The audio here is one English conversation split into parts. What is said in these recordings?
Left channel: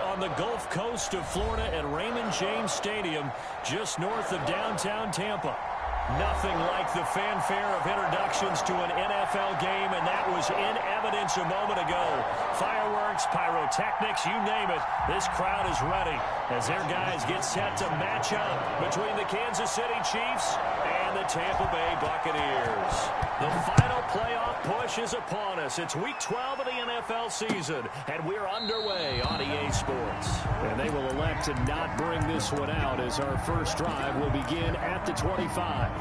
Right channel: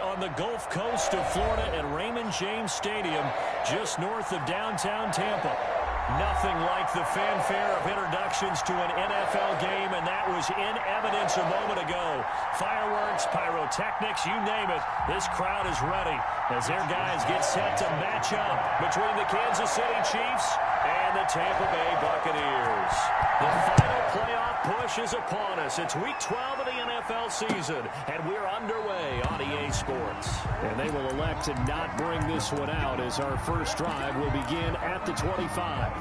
on the Gulf Coast of Florida at Raymond James Stadium, just north of downtown Tampa. Nothing like the fanfare of introductions to an NFL game, and that was in evidence a moment ago. Fireworks, pyrotechnics, you name it. This crowd is ready as their guys get set to match up between the Kansas City Chiefs and the Tampa Bay Buccaneers. The final playoff push is upon us. It's Week 12 of the NFL season, and we're underway on EA Sports. And they will elect to not bring this one out as our first drive will begin at the 25.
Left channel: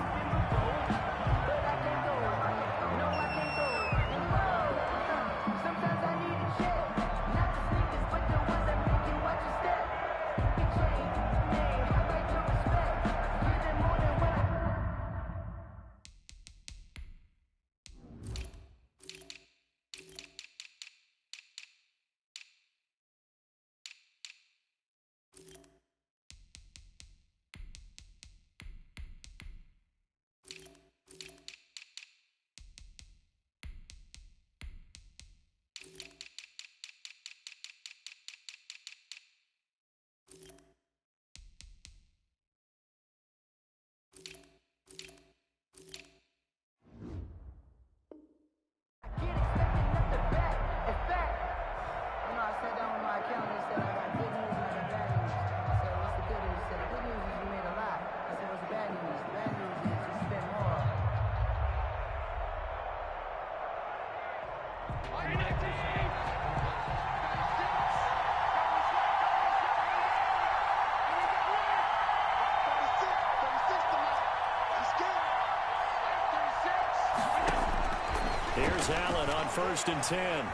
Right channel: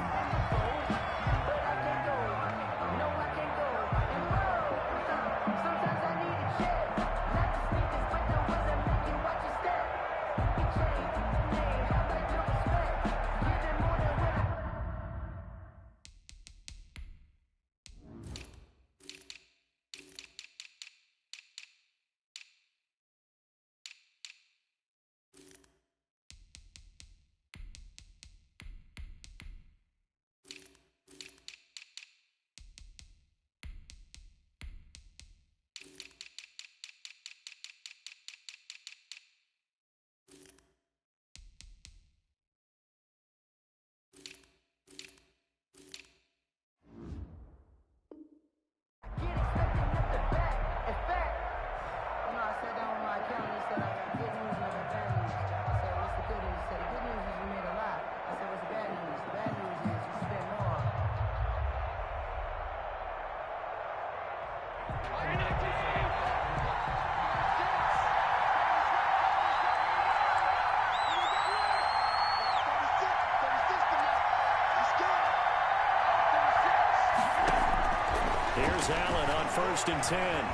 Here's Allen on 1st and 10.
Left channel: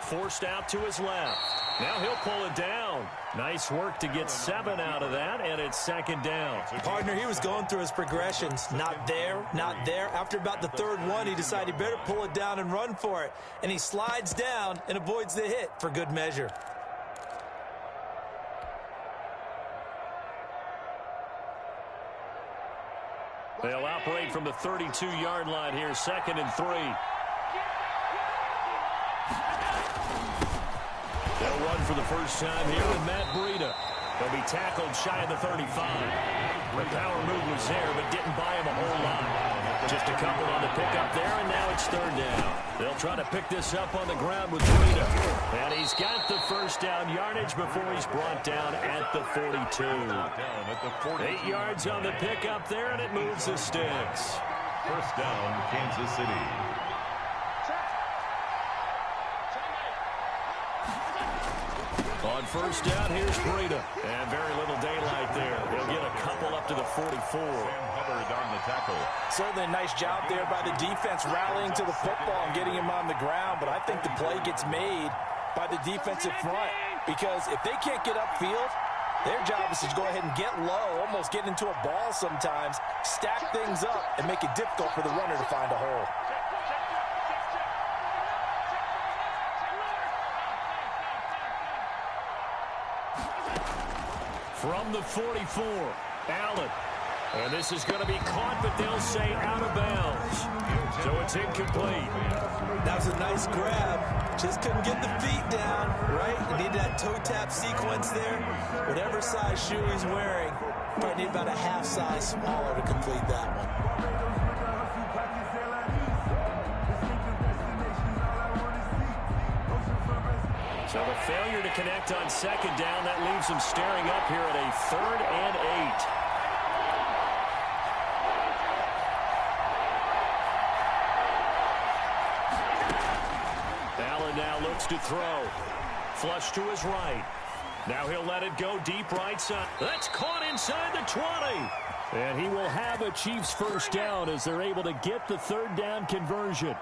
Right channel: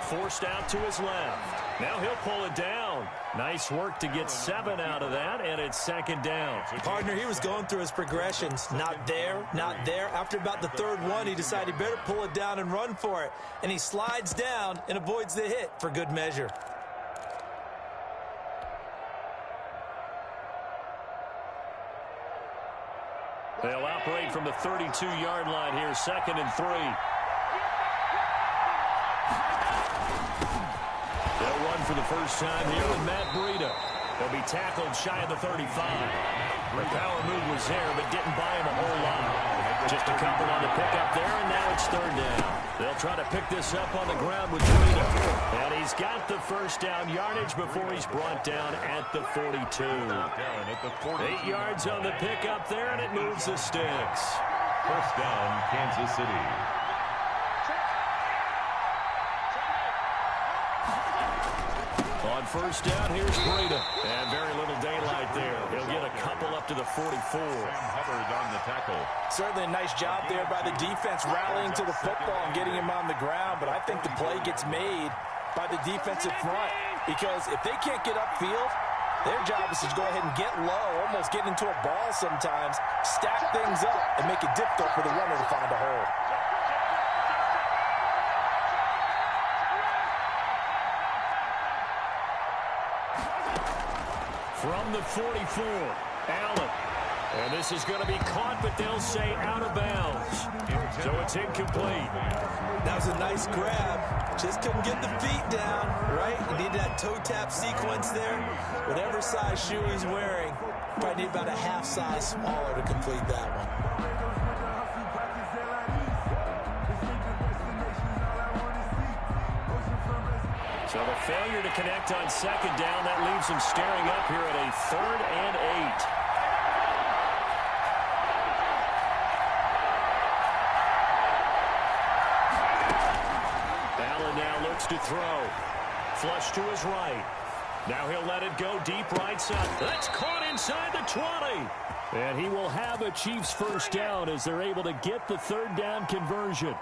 Forced out to his left. Now he'll pull it down. Nice work to get 7 out of that, and it's 2nd down. Partner, he was going through his progressions. Not there, not there. After about the 3rd one, he decided he better pull it down and run for it. And he slides down and avoids the hit for good measure. They'll operate from the 32-yard line here, 2nd and 3. They'll run for the first time here with Matt Breida. He'll be tackled shy of the 35. The power move was there, but didn't buy him a whole lot. Just a couple on the pickup there, and now it's 3rd down. They'll try to pick this up on the ground with Breida. And he's got the first down yardage before he's brought down at the 42. 8 yards on the pickup there, and it moves the sticks. First down, Kansas City. On first down, here's Breida. And very little daylight there. He'll get a couple up to the 44. Sam Hubbard on the tackle. Certainly a nice job there by the defense rallying to the football and getting him on the ground. But I think the play gets made by the defensive front. Because if they can't get upfield, their job is to go ahead and get low, almost get into a ball sometimes, stack things up, and make it difficult for the runner to find a hole. From the 44, Allen. And this is going to be caught, but they'll say out of bounds. So it's incomplete. That was a nice grab. Just couldn't get the feet down, right? You need that toe tap sequence there. Whatever size shoe he's wearing, probably need about a half size smaller to complete that one. So the failure to connect on 2nd down, that leaves them staring up here at a 3rd and 8. Allen now looks to throw. Flush to his right. Now he'll let it go deep right side. That's caught inside the 20. And he will have a Chiefs first down as they're able to get the 3rd down conversion.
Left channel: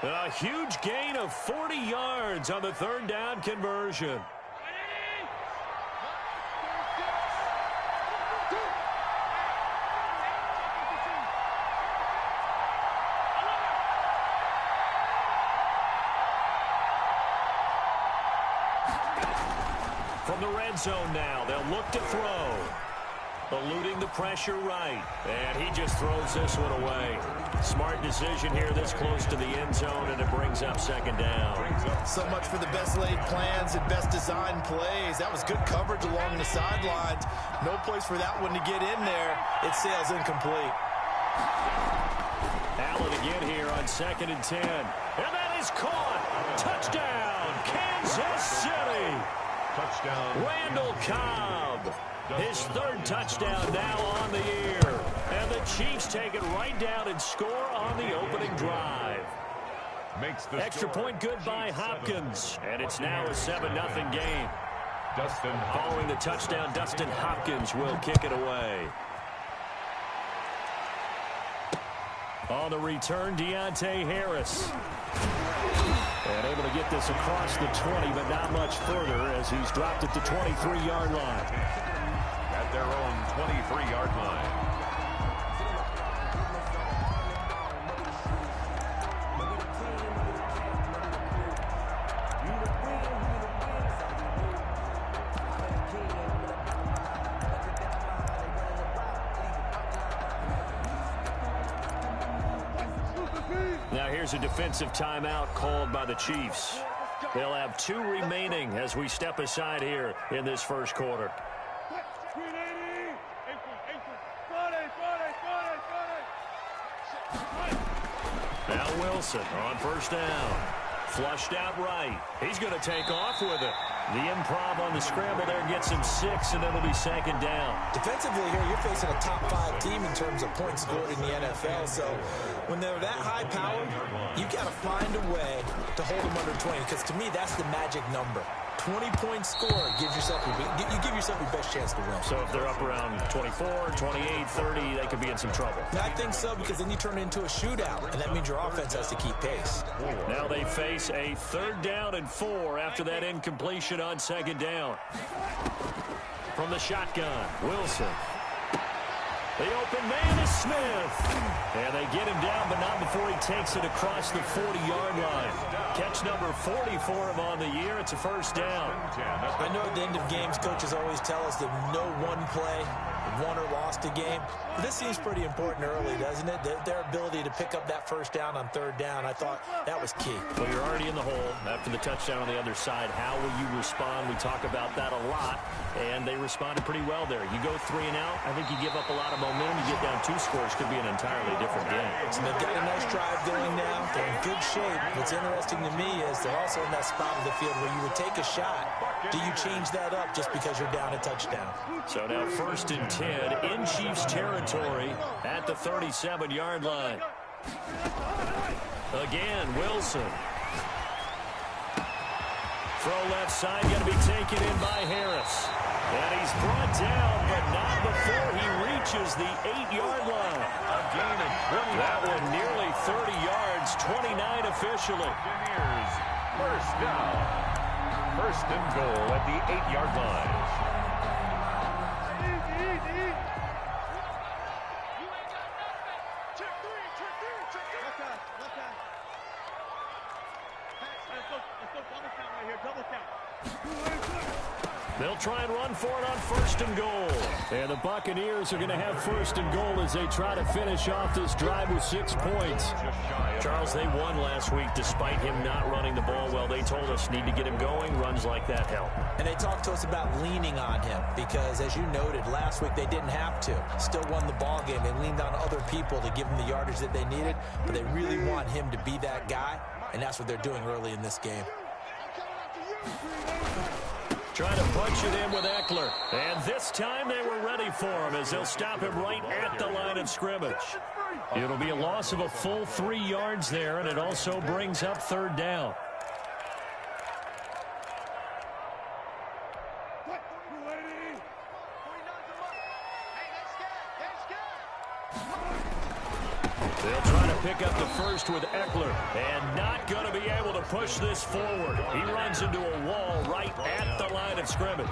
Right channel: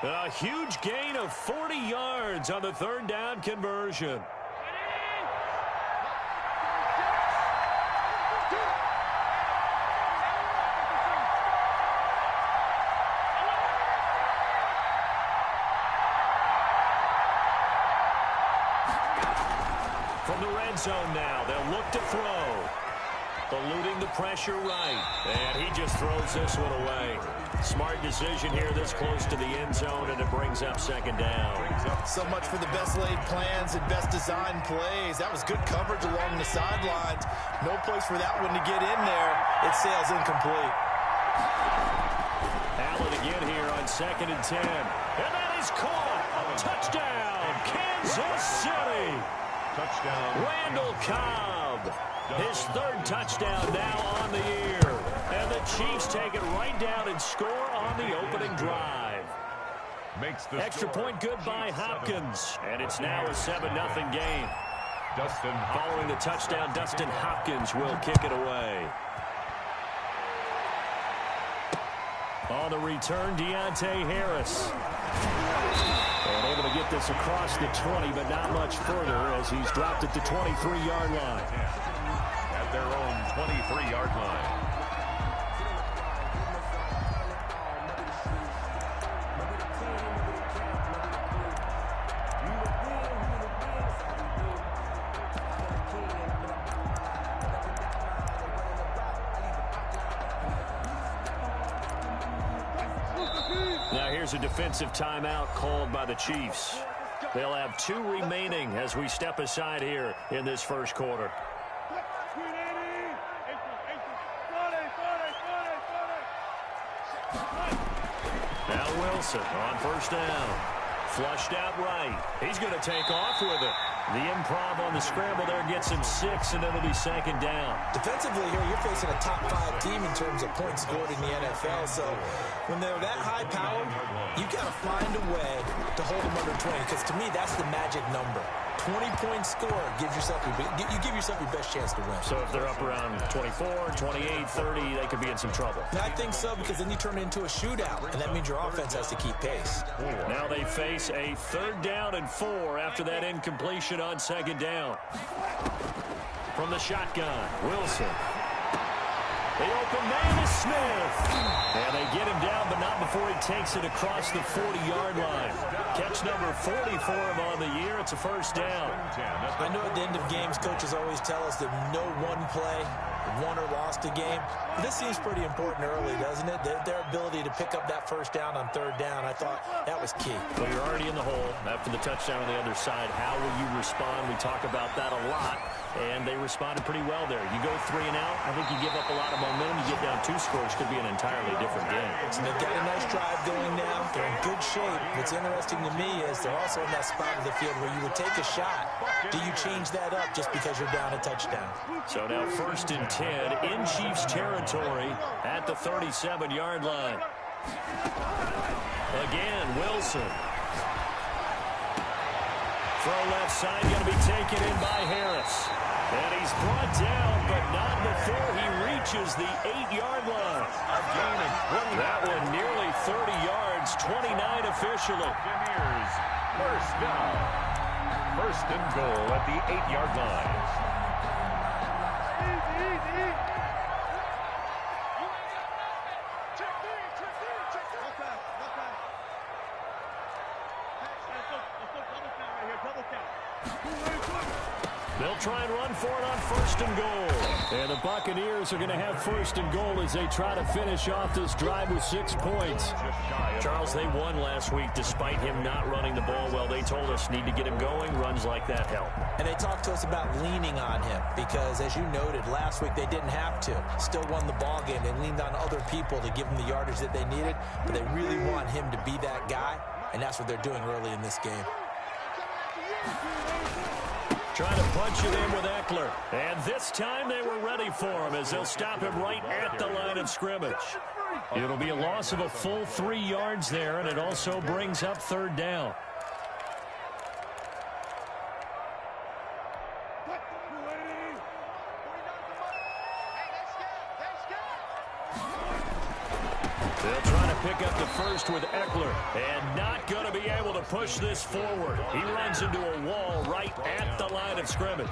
A huge gain of 40 yards on the 3rd down conversion. From the red zone now, they'll look to throw. Eluding the pressure right. And he just throws this one away. Smart decision here this close to the end zone, and it brings up second down. So much for the best laid plans and best designed plays. That was good coverage along the sidelines. No place for that one to get in there. It sails incomplete. Allen again here on 2nd and 10. And that is caught. Touchdown, Kansas City. Touchdown. Randall Cobb. His 3rd touchdown now on the year. And the Chiefs take it right down and score on the opening drive. Makes the extra score. point good by Hopkins. And it's now a 7-0 game. Dustin Following the touchdown, Dustin Hopkins will kick it away. On the return, Deontay Harris. And able to get this across the 20, but not much further as he's dropped at the 23-yard line. At their own 23-yard line. Now here's a defensive timeout called by the Chiefs. They'll have 2 remaining as we step aside here in this first quarter. Now Wilson on first down. Flushed out right. He's going to take off with it. The improv on the scramble there gets him 6, and it'll be second down. Defensively here, you're facing a top 5 team in terms of points scored in the NFL. So when they're that high powered, you got to find a way to hold them under 20. Because to me, that's the magic number. 20-point score gives yourself you give yourself your best chance to win. So if they're up around 24, 28, 30, they could be in some trouble. And I think so, because then you turn it into a shootout, and that means your offense has to keep pace. Now they face a 3rd down and 4 after that incompletion on second down. From the shotgun, Wilson. The open man is Smith. And they get him down, but not before he takes it across the 40-yard line. Catch number 40 for him on the year. It's a first down. I know at the end of games, coaches always tell us that no one play won or lost a game. But this seems pretty important early, doesn't it? Their ability to pick up that first down on 3rd down, I thought that was key. Well, you're already in the hole after the touchdown on the other side. How will you respond? We talk about that a lot, and they responded pretty well there. You go 3 and out, I think you give up a lot of momentum. You get down 2 scores, could be an entirely different game. So they've got a nice drive going now. They're in good shape. What's interesting to me is they're also in that spot of the field where you would take a shot. Do you change that up just because you're down a touchdown? So now 1st and 10 in Chiefs territory at the 37-yard line. Again, Wilson. Throw left side, going to be taken in by Harris. And he's brought down, but not before he reaches the 8-yard line. A gain of 20. That one nearly 30 yards, 29 officially. Buccaneers, first down. 1st and goal at the 8-yard line. Easy. They'll try and run for it on 1st and goal. And the Buccaneers are going to have 1st and goal as they try to finish off this drive with 6 points. Charles, they won last week despite him not running the ball well. They told us need to get him going. Runs like that help. And they talked to us about leaning on him because, as you noted, last week they didn't have to. Still won the ball game. They leaned on other people to give them the yardage that they needed, but they really want him to be that guy, and that's what they're doing early in this game. Trying to punch it in with Eckler. And this time they were ready for him as they'll stop him right at the line of scrimmage. It'll be a loss of a full 3 yards there, and it also brings up 3rd down. They'll try to pick up the first with Eckler, and not going to be able to push this forward. He runs into a wall right at the line of scrimmage.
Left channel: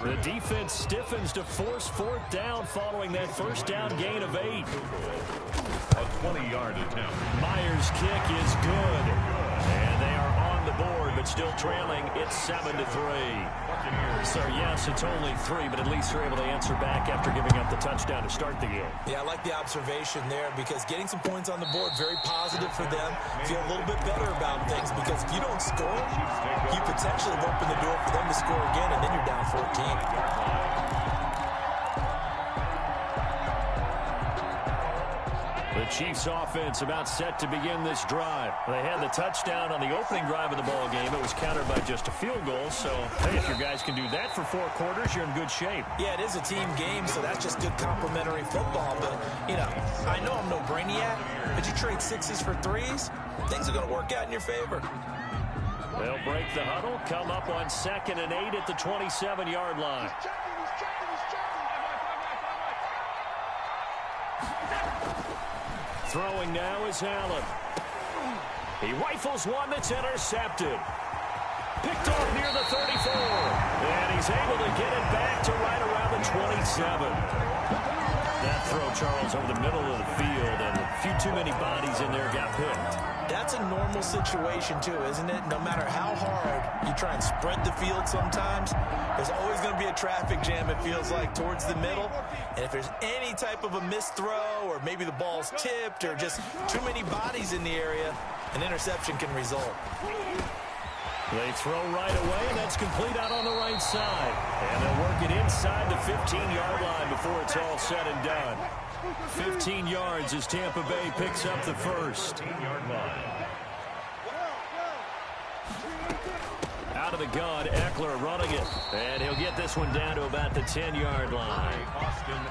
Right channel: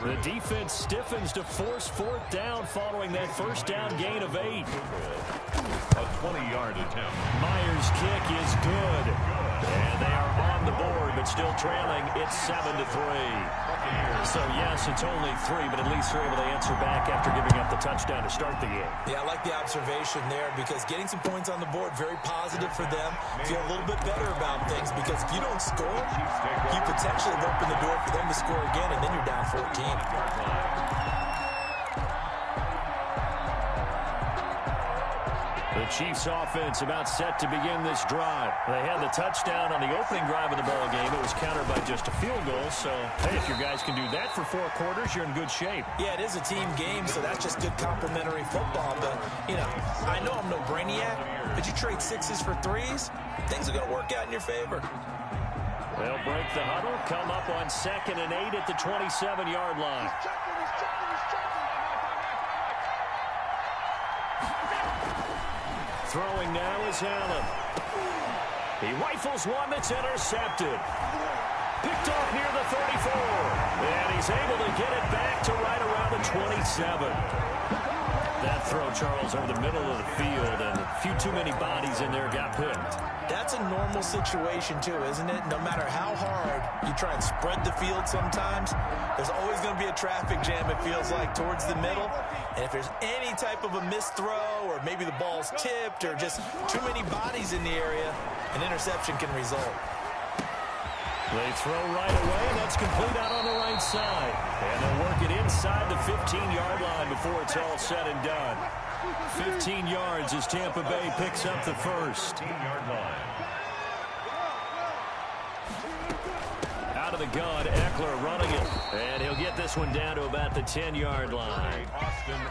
The defense stiffens to force 4th down following that first down gain of 8. A 20-yard attempt. Myers' kick is good. And they are on the board, but but still trailing. It's 7-3. So, yes, it's only 3, but at least they're able to answer back after giving up the touchdown to start the game. Yeah, I like the observation there because getting some points on the board, very positive for them. Feel a little bit better about things because if you don't score, you potentially have opened the door for them to score again, and then you're down 14. The Chiefs offense about set to begin this drive. They had the touchdown on the opening drive of the ball game. It was countered by just a field goal. So, hey, if your guys can do that for 4 quarters, you're in good shape. Yeah, it is a team game, so that's just good complimentary football. But, you know, I know I'm no brainiac, but you trade 6s for 3s, things are going to work out in your favor. They'll break the huddle, come up on 2nd and 8 at the 27-yard line. Throwing now is Allen. He rifles one that's intercepted. Picked off near the 34. And he's able to get it back to right around the 27. That throw, Charles, over the middle of the field, and a few too many bodies in there got picked. That's a normal situation, too, isn't it? No matter how hard you try and spread the field sometimes, there's always going to be a traffic jam, it feels like, towards the middle. And if there's any type of a missed throw or maybe the ball's tipped or just too many bodies in the area, an interception can result. They throw right away, and that's complete out on the right side. And they'll work it inside the 15-yard line before it's all said and done. 15 yards as Tampa Bay picks up the first. 15-yard line. Out of the gun, Eckler running it. And he'll get this one down to about the 10-yard line.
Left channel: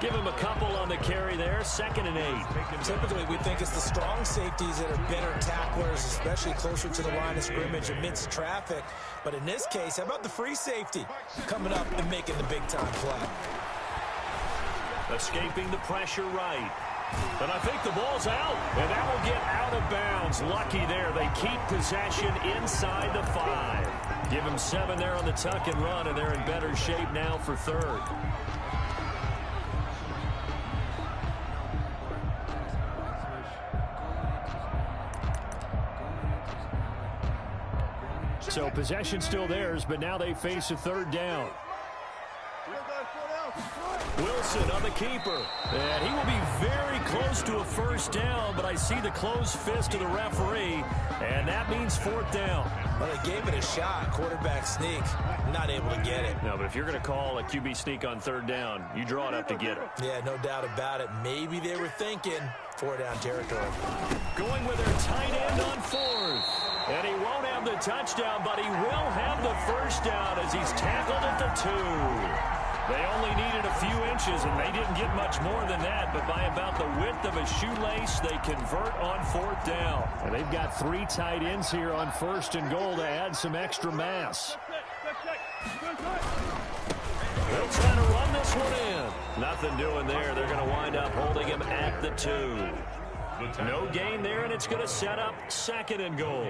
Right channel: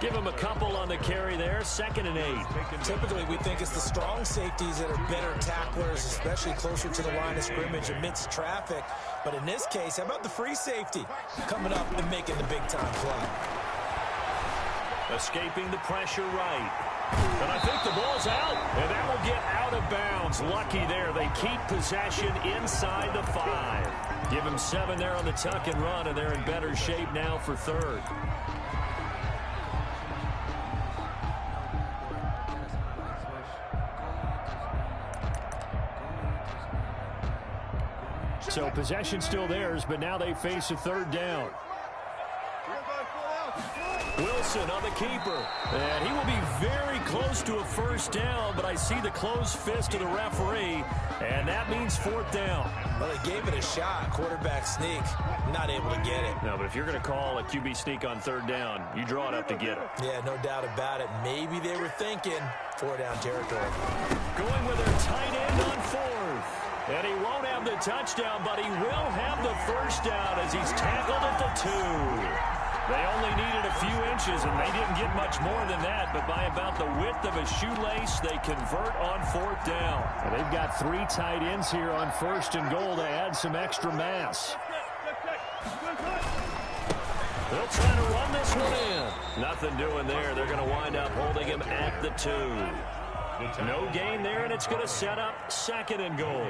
Give him a couple on the carry there. 2nd and 8. Typically, we think it's the strong safeties that are better tacklers, especially closer to the line of scrimmage amidst traffic. But in this case, how about the free safety coming up and making the big-time play? Escaping the pressure right. And I think the ball's out. And that will get out of bounds. Lucky there. They keep possession inside the 5. Give them 7 there on the tuck and run, and they're in better shape now for 3rd. So possession still theirs, but now they face a 3rd down. Wilson on the keeper. And he will be very close to a 1st down, but I see the closed fist of the referee, and that means 4th down. Well, they gave it a shot. Quarterback sneak. Not able to get it. No, but if you're going to call a QB sneak on 3rd down, you draw it up to get it. Yeah, no doubt about it. Maybe they were thinking 4-down territory. Going with their tight end on 4th. And he won't have the touchdown, but he will have the 1st down as he's tackled at the 2. They only needed a few inches, and they didn't get much more than that, but by about the width of a shoelace, they convert on 4th down. And they've got 3 tight ends here on 1st and goal to add some extra mass. They'll try to run this one in. Nothing doing there. They're going to wind up holding him at the 2. No gain there, and it's going to set up 2nd and goal.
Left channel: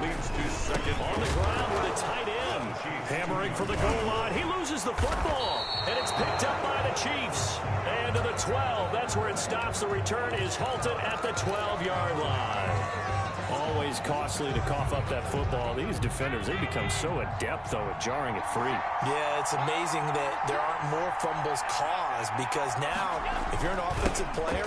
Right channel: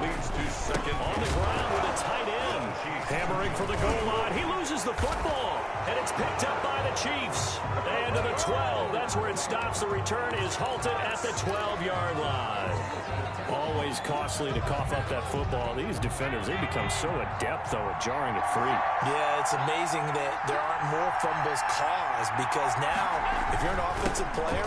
Leads to 2nd. On the ground with a tight end. Hammering for the goal line. He loses the football, and it's picked up by the Chiefs. And to the 12. That's where it stops. The return is halted at the 12-yard line. Always costly to cough up that football. These defenders, they become so adept, though, at jarring it free. Yeah, it's amazing that there aren't more fumbles caused because now, if you're an offensive player,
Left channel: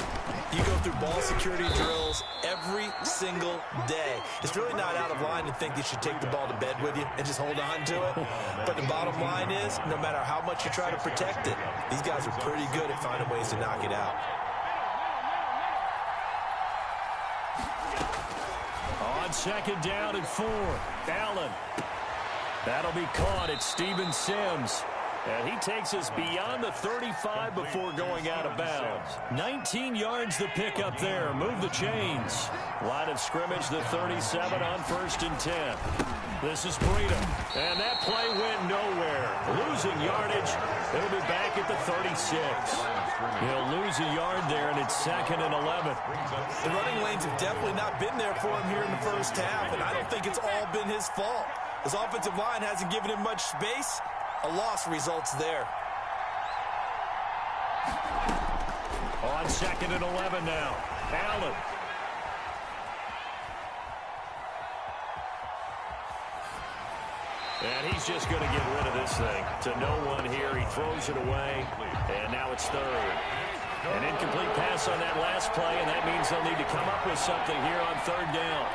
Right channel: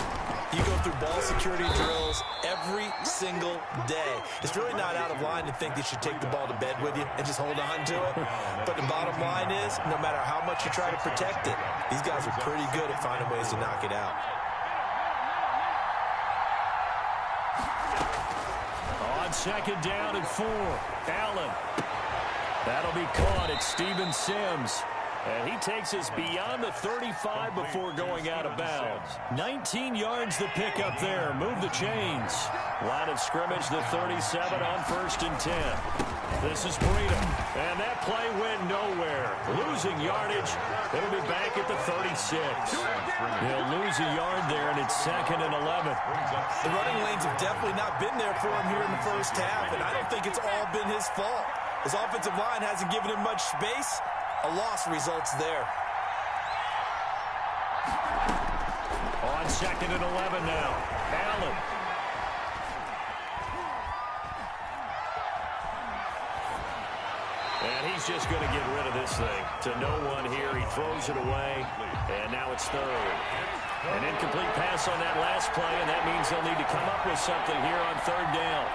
you go through ball security drills every single day. It's really not out of line to think you should take the ball to bed with you and just hold on to it. But the bottom line is, no matter how much you try to protect it, these guys are pretty good at finding ways to knock it out. On 2nd down and 4, Allen. That'll be caught at Steven Sims. And he takes us beyond the 35 before going out of bounds. 19 yards to pick up there. Move the chains. Line of scrimmage, the 37 on 1st and 10. This is Breida. And that play went nowhere. Losing yardage. It'll be back at the 36. He'll lose a yard there, and it's 2nd and 11. The running lanes have definitely not been there for him here in the first half, and I don't think it's all been his fault. His offensive line hasn't given him much space. A loss results there. On 2nd and 11 now. Allen. And he's just going to get rid of this thing to no one here. He throws it away, and now it's third. An incomplete pass on that last play, and that means they'll need to come up with something here on third down.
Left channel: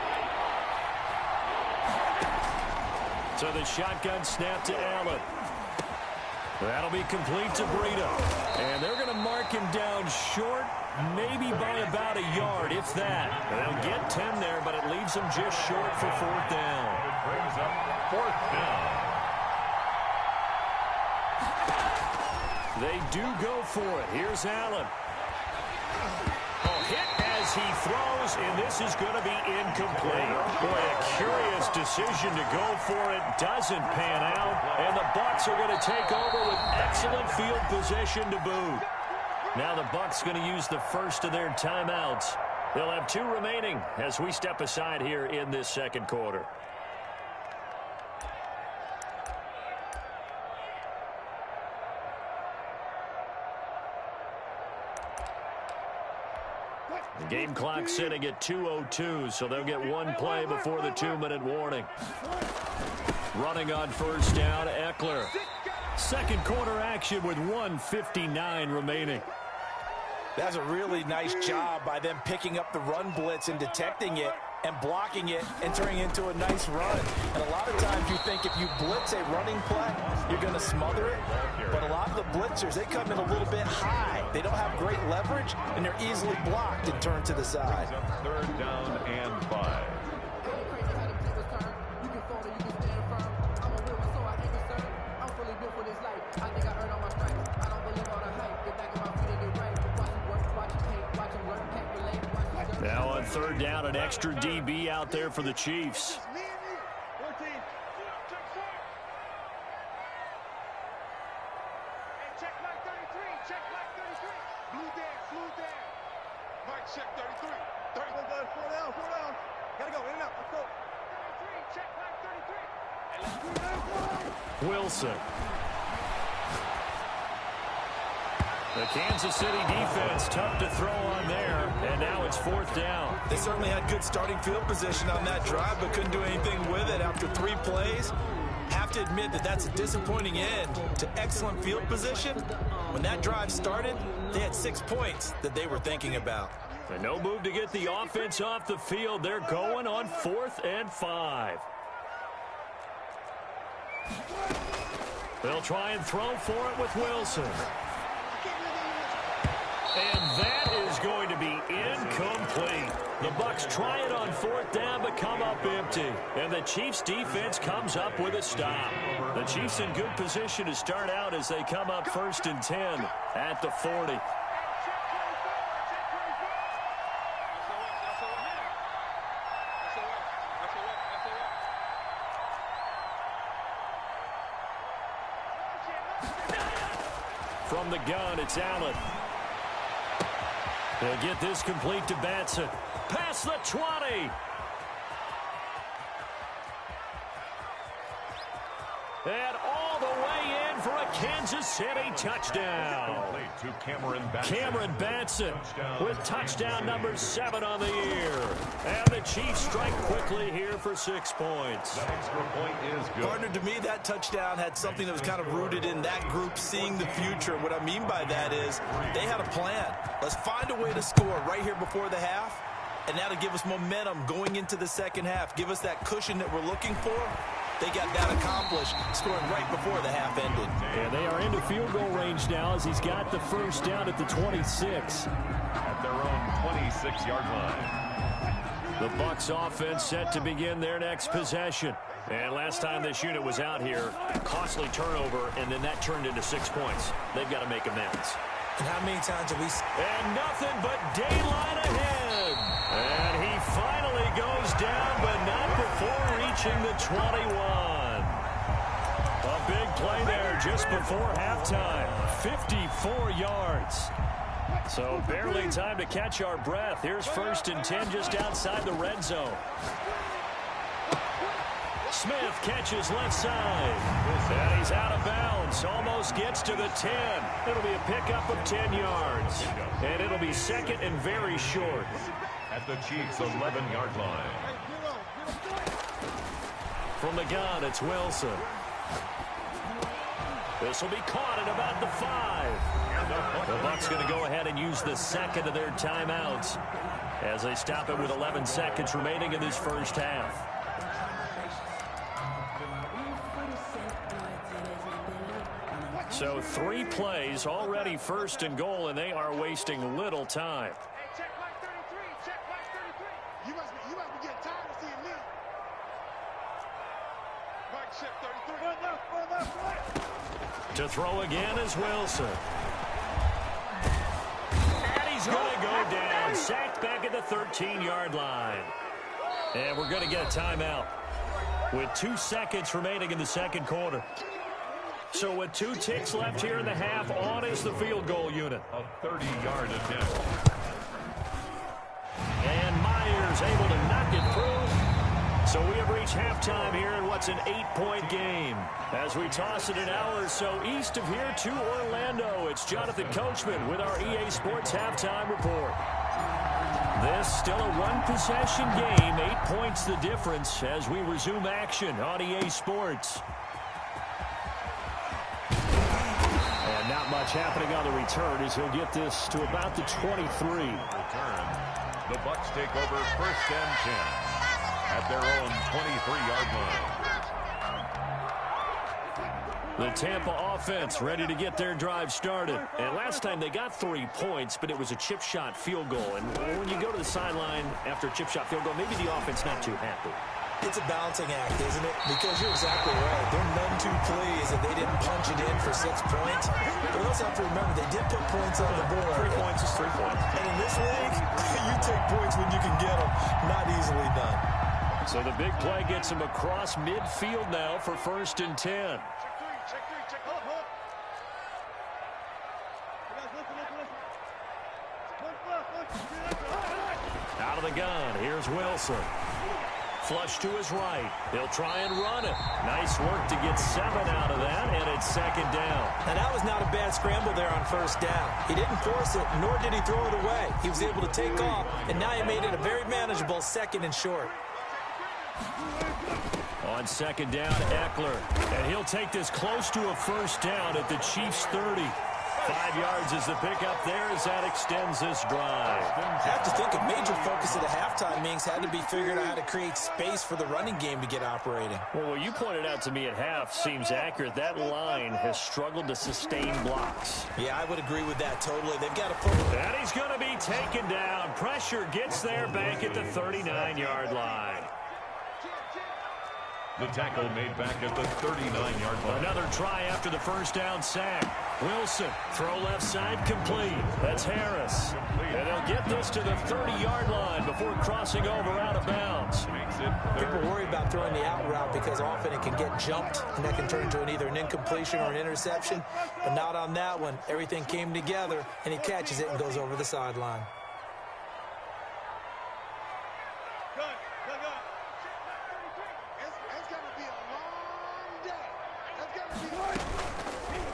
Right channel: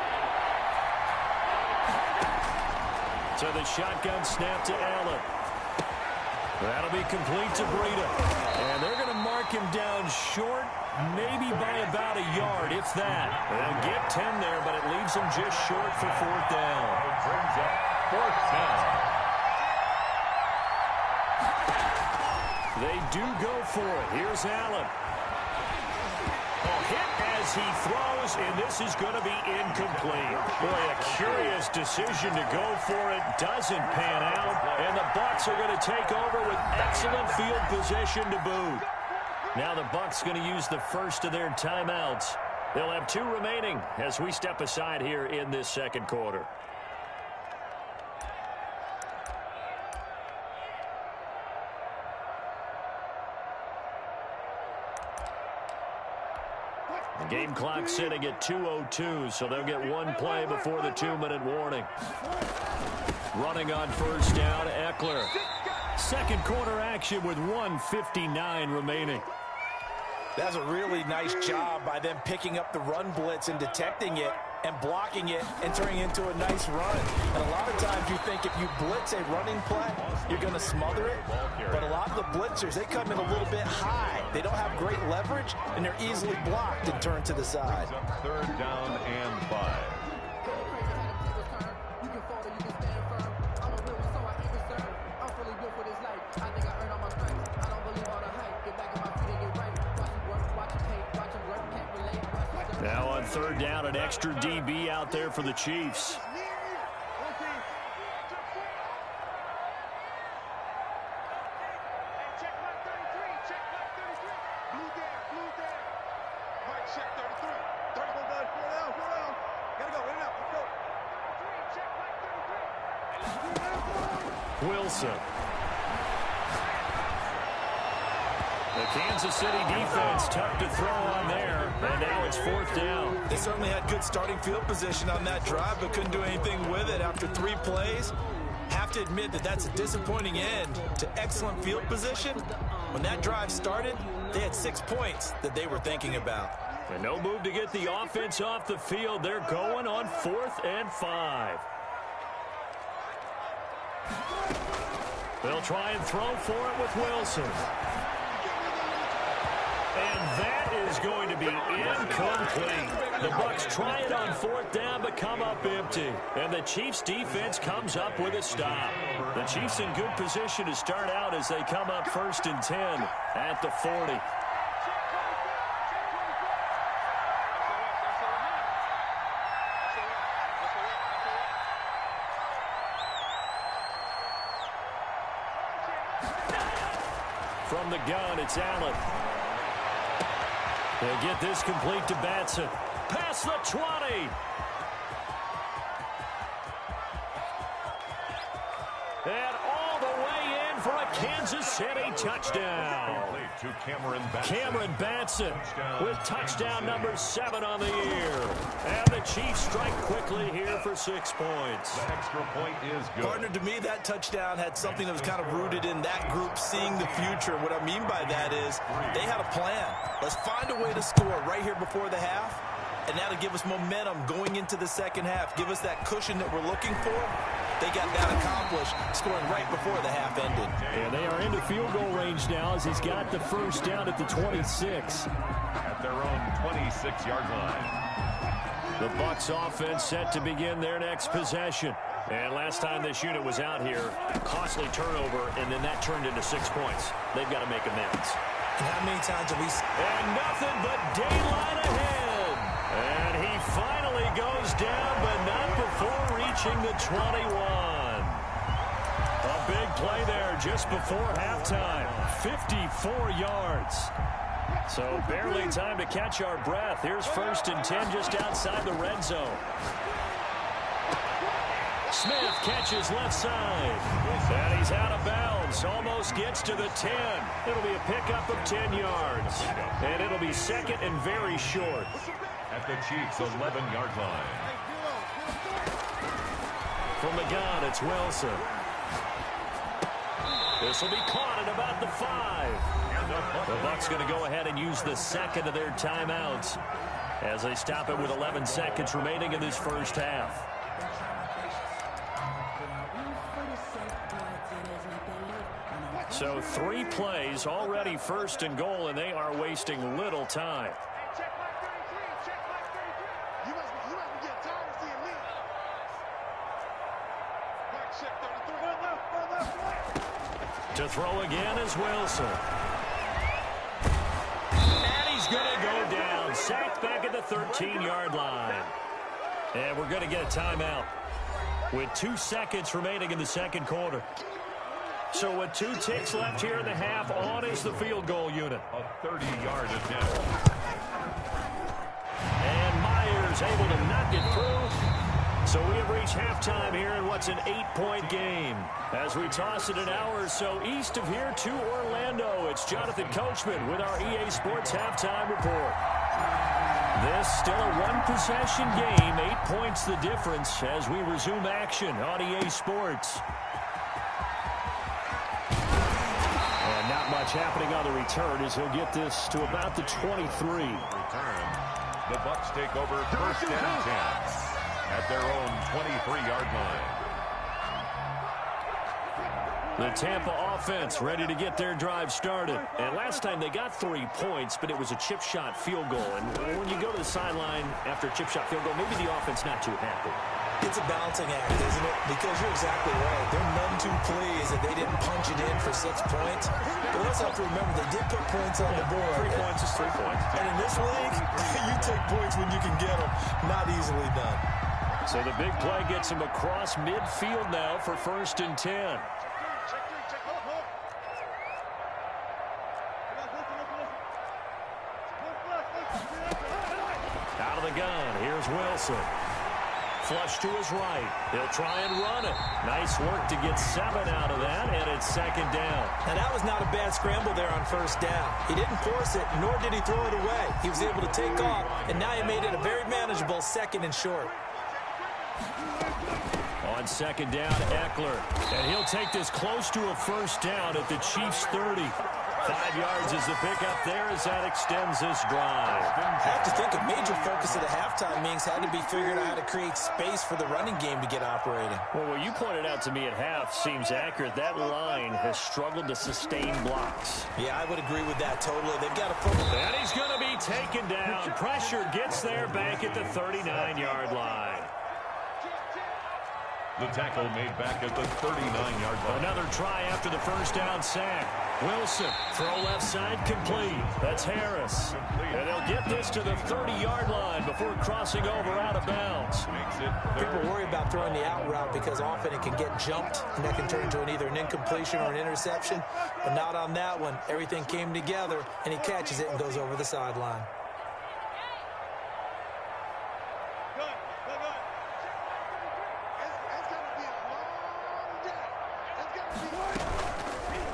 So the shotgun snap to Allen. That'll be complete to Breida. And they're going to mark him down short, maybe by about a yard, if that. They'll get 10 there, but it leaves them just short for fourth down. It brings up fourth down. They do go for it. Here's Allen. Oh, hit as he throws, and this is going to be incomplete. Boy, a curious decision to go for it. Doesn't pan out, and the Bucs are going to take over with excellent field position to boot. Now the Bucs going to use the first of their timeouts. They'll have 2 remaining as we step aside here in this second quarter. The game clock sitting at 2:02, so they'll get 1 play before the 2-minute warning. Running on first down, Eckler. Second quarter action with 1:59 remaining. That's a really nice job by them picking up the run blitz and detecting it and blocking it and turning it into a nice run. And a lot of times you think if you blitz a running play, you're going to smother it. But a lot of the blitzers, they come in a little bit high. They don't have great leverage, and they're easily blocked and turned to the side. Third down and 5. Now on third down, an extra DB out there for the Chiefs. Wilson. The Kansas City defense tough to throw on there, and now it's fourth down. They certainly had good starting field position on that drive, but couldn't do anything with it after 3 plays. Have to admit that that's a disappointing end to excellent field position. When that drive started, they had 6 points that they were thinking about. And no move to get the offense off the field. They're going on 4th and 5. They'll try and throw for it with Wilson. And that is going to be incomplete. The Bucs try it on 4th down, but come up empty. And the Chiefs defense comes up with a stop. The Chiefs in good position to start out as they come up 1st and 10 at the 40. From the gun, it's Allen. They'll get this complete to Batson. Past the 20. And all the way in for a Kansas City touchdown. To Cameron Batson. Cameron Batson with touchdown number 7 on the year. And the Chiefs strike quickly here for 6 points. That extra point is good. Partner, to me, that touchdown had something that was kind of rooted in that group seeing the future. What I mean by that is they had a plan. Let's find a way to score right here before the half. And that'll give us momentum going into the second half. Give us that cushion that we're looking for. They got that accomplished, scoring right before the half ended. And they are into field goal range now as he's got the first down at the 26. At their own 26-yard line. The Bucs offense set to begin their next possession. And last time this unit was out here, costly turnover, and then that turned into 6 points. They've got to make amends. And how many times have we... And nothing but daylight ahead. And he finally goes down, but not before reaching the 21. A big play there just before halftime. 54 yards. So barely time to catch our breath. Here's 1st and 10 just outside the red zone. Smith catches left side. And he's out of bounds. Almost gets to the 10. It'll be a pickup of 10 yards. And it'll be 2nd and very short. At the Chiefs' 11-yard line. From the gun, it's Wilson. This will be caught at about the 5. The Bucs going to go ahead and use the second of their timeouts as they stop it with 11 seconds remaining in this first half. So 3 plays already first and goal, and they are wasting little time. Hey, check Mike 33. Check Mike 33. You must be getting tired of seeing me. Mike, check 33. One left. To throw again is Wilson. And he's going to go down. Sacked back at the 13-yard line. And we're going to get a timeout with 2 seconds remaining in the second quarter. So with 2 ticks left here in the half, on is the field goal unit. A 30-yard attempt. And Myers able to knock it through. So we have reached halftime here in what's an 8-point game. As we toss it an hour or so east of here to Orlando, it's Jonathan Coachman with our EA Sports Halftime Report. This still a 1-possession game, 8 points the difference as we resume action on EA Sports. And not much happening on the return as he'll get this to about the 23. Return. The Bucs take over first and 10 at their own 23-yard line. The Tampa offense ready to get their drive started. And last time they got 3 points, but it was a chip shot field goal. And when you go to the sideline after a chip shot field goal, maybe the offense not too happy. It's a balancing act, isn't it? Because you're exactly right. They're none too pleased that they didn't punch it in for 6 points. But we also have to remember they did put points on the board. 3 points is 3 points. And in this league, you take points when you can get them. Not easily done. So the big play gets him across midfield now for first and 10. Check 3. Check hold. Listen. Out of the gun, here's Wilson. Flush to his right. He'll try and run it. Nice work to get 7 out of that, and it's second down. Now, that was not a bad scramble there on first down. He didn't force it, nor did he throw it away. He was able to take off, and now he made it a very manageable second and short. On second down, Eckler. And he'll take this close to a first down at the Chiefs' 30. 5 yards is the pickup there as that extends this drive. I have to think a major focus of the halftime meetings had to be figuring out how to create space for the running game to get operating. Well, what you pointed out to me at half seems accurate. That line has struggled to sustain blocks. Yeah, I would agree with that totally. They've got to put... And he's going to be taken down. Pressure gets there back at the 39-yard line. The tackle made back at the 39-yard line. Another try after the first down sack. Wilson, throw left side, complete. That's Harris. And they'll get this to the 30-yard line before crossing over out of bounds. People worry about throwing the out route because often it can get jumped, and that can turn into either an incompletion or an interception. But not on that one. Everything came together, and he catches it and goes over the sideline.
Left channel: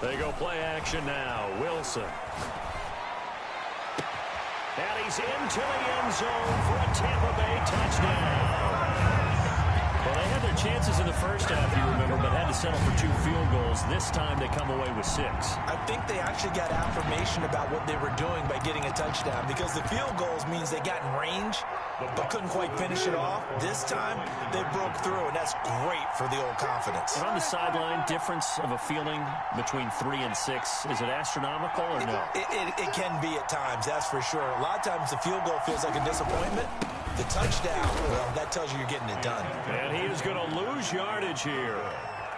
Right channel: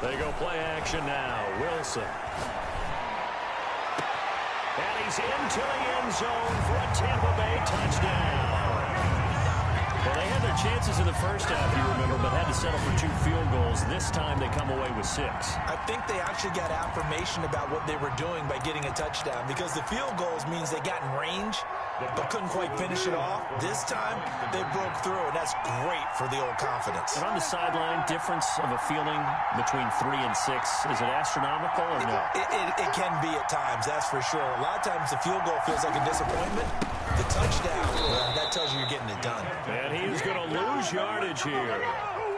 They go play action now. Wilson. And he's into the end zone for a Tampa Bay touchdown. Well, they had their chances in the first half, you remember, but had to settle for 2 field goals. This time they come away with 6. I think they actually got affirmation about what they were doing by getting a touchdown because the field goals means they got in range but couldn't quite finish it off. This time, they broke through, and that's great for the old confidence. And on the sideline, difference of a feeling between 3 and 6, is it astronomical or no? It can be at times, that's for sure. A lot of times the field goal feels like a disappointment. The touchdown, well, that tells you you're getting it done. And he is going to lose yardage here.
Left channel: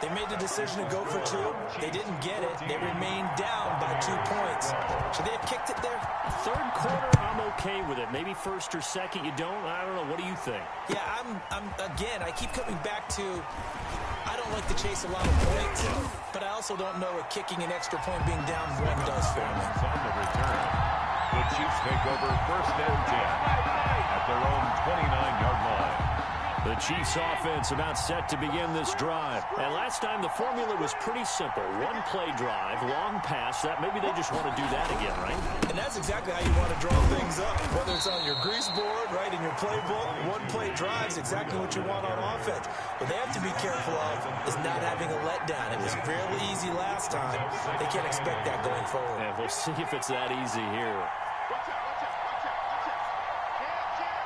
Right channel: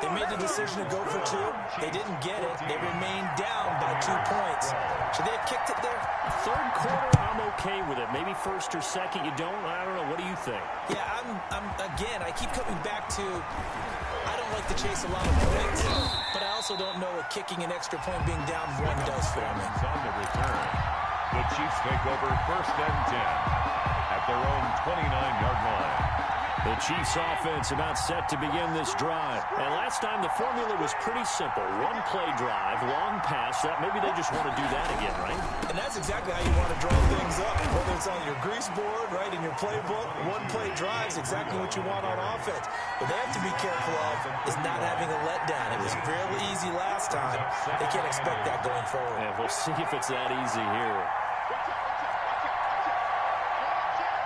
They made the decision to go for 2. They didn't get it. They remained down by 2 points. Should they have kicked it there? Third quarter, I'm okay with it. Maybe first or second, you don't. I don't know. What do you think? Yeah, again, I keep coming back to I don't like to chase a lot of points, but I also don't know what kicking an extra point being down 1 does for me. On the return, the Chiefs take over first and 10 at their own 29-yard line. The Chiefs offense about set to begin this drive. And last time the formula was pretty simple. One play drive, long pass. That maybe they just want to do that again, right? And that's exactly how you want to draw things up. Whether it's on your grease board, right, in your playbook, one play drive is exactly what you want on offense. What they have to be careful of is not having a letdown. It was real easy last time. They can't expect that going forward. And we'll see if it's that easy here. Watch out, watch out, watch out, watch out. Check.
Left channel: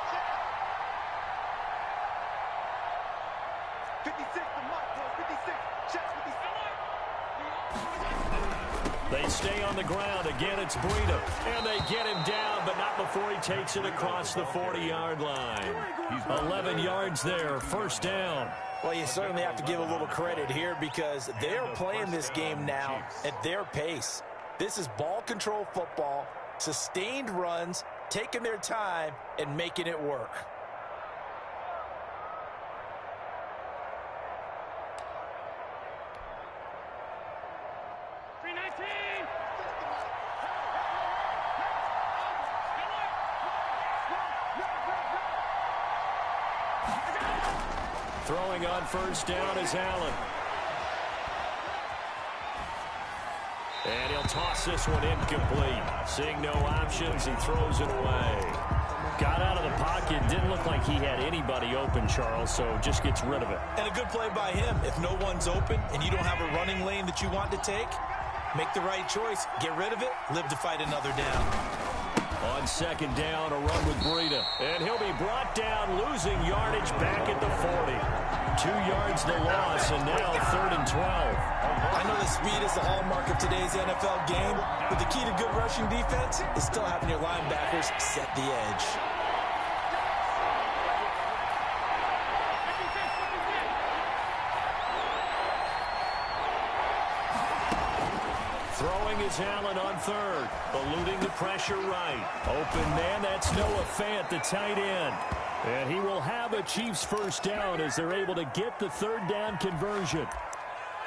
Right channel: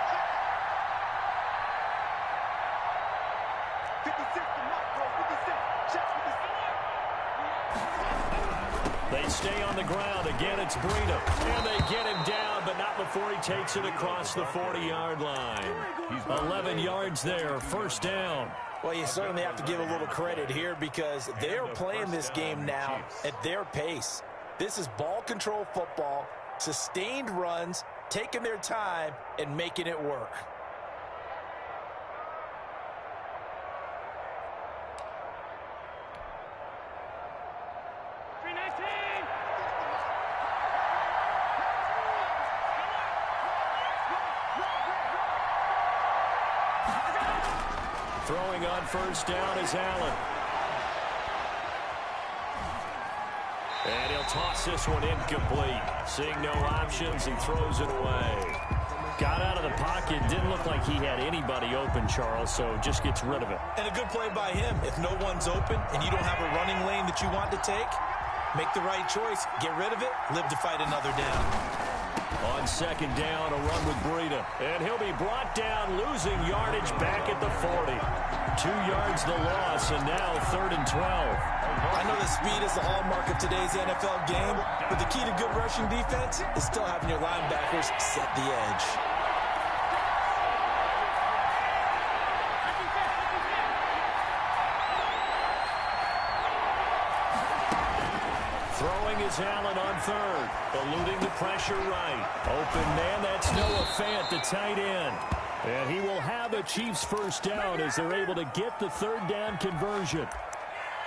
56, the mic, bro. 56. Check 56. They stay on the ground. Again, it's Breida. And they get him down, but not before he takes it across the 40-yard line. 11 yards there, first down. Well, you certainly have to give a little credit here because they're playing this game now at their pace. This is ball control football, sustained runs, taking their time, and making it work. Throwing on first down is Allen. And he'll toss this one incomplete. Seeing no options, he throws it away. Got out of the pocket. Didn't look like he had anybody open, Charles, so just gets rid of it. And a good play by him. If no one's open and you don't have a running lane that you want to take, make the right choice. Get rid of it. Live to fight another down. On second down, a run with Breida. And he'll be brought down, losing yardage back at the 40. 2 yards the loss, and now 3rd and 12. I know that speed is the hallmark of today's NFL game, but the key to good rushing defense is still having your linebackers set the edge. Throwing is Allen on third, eluding the pressure right. Open man, that's Noah Fant, the tight end. And he will have a Chiefs first down as they're able to get the third down conversion.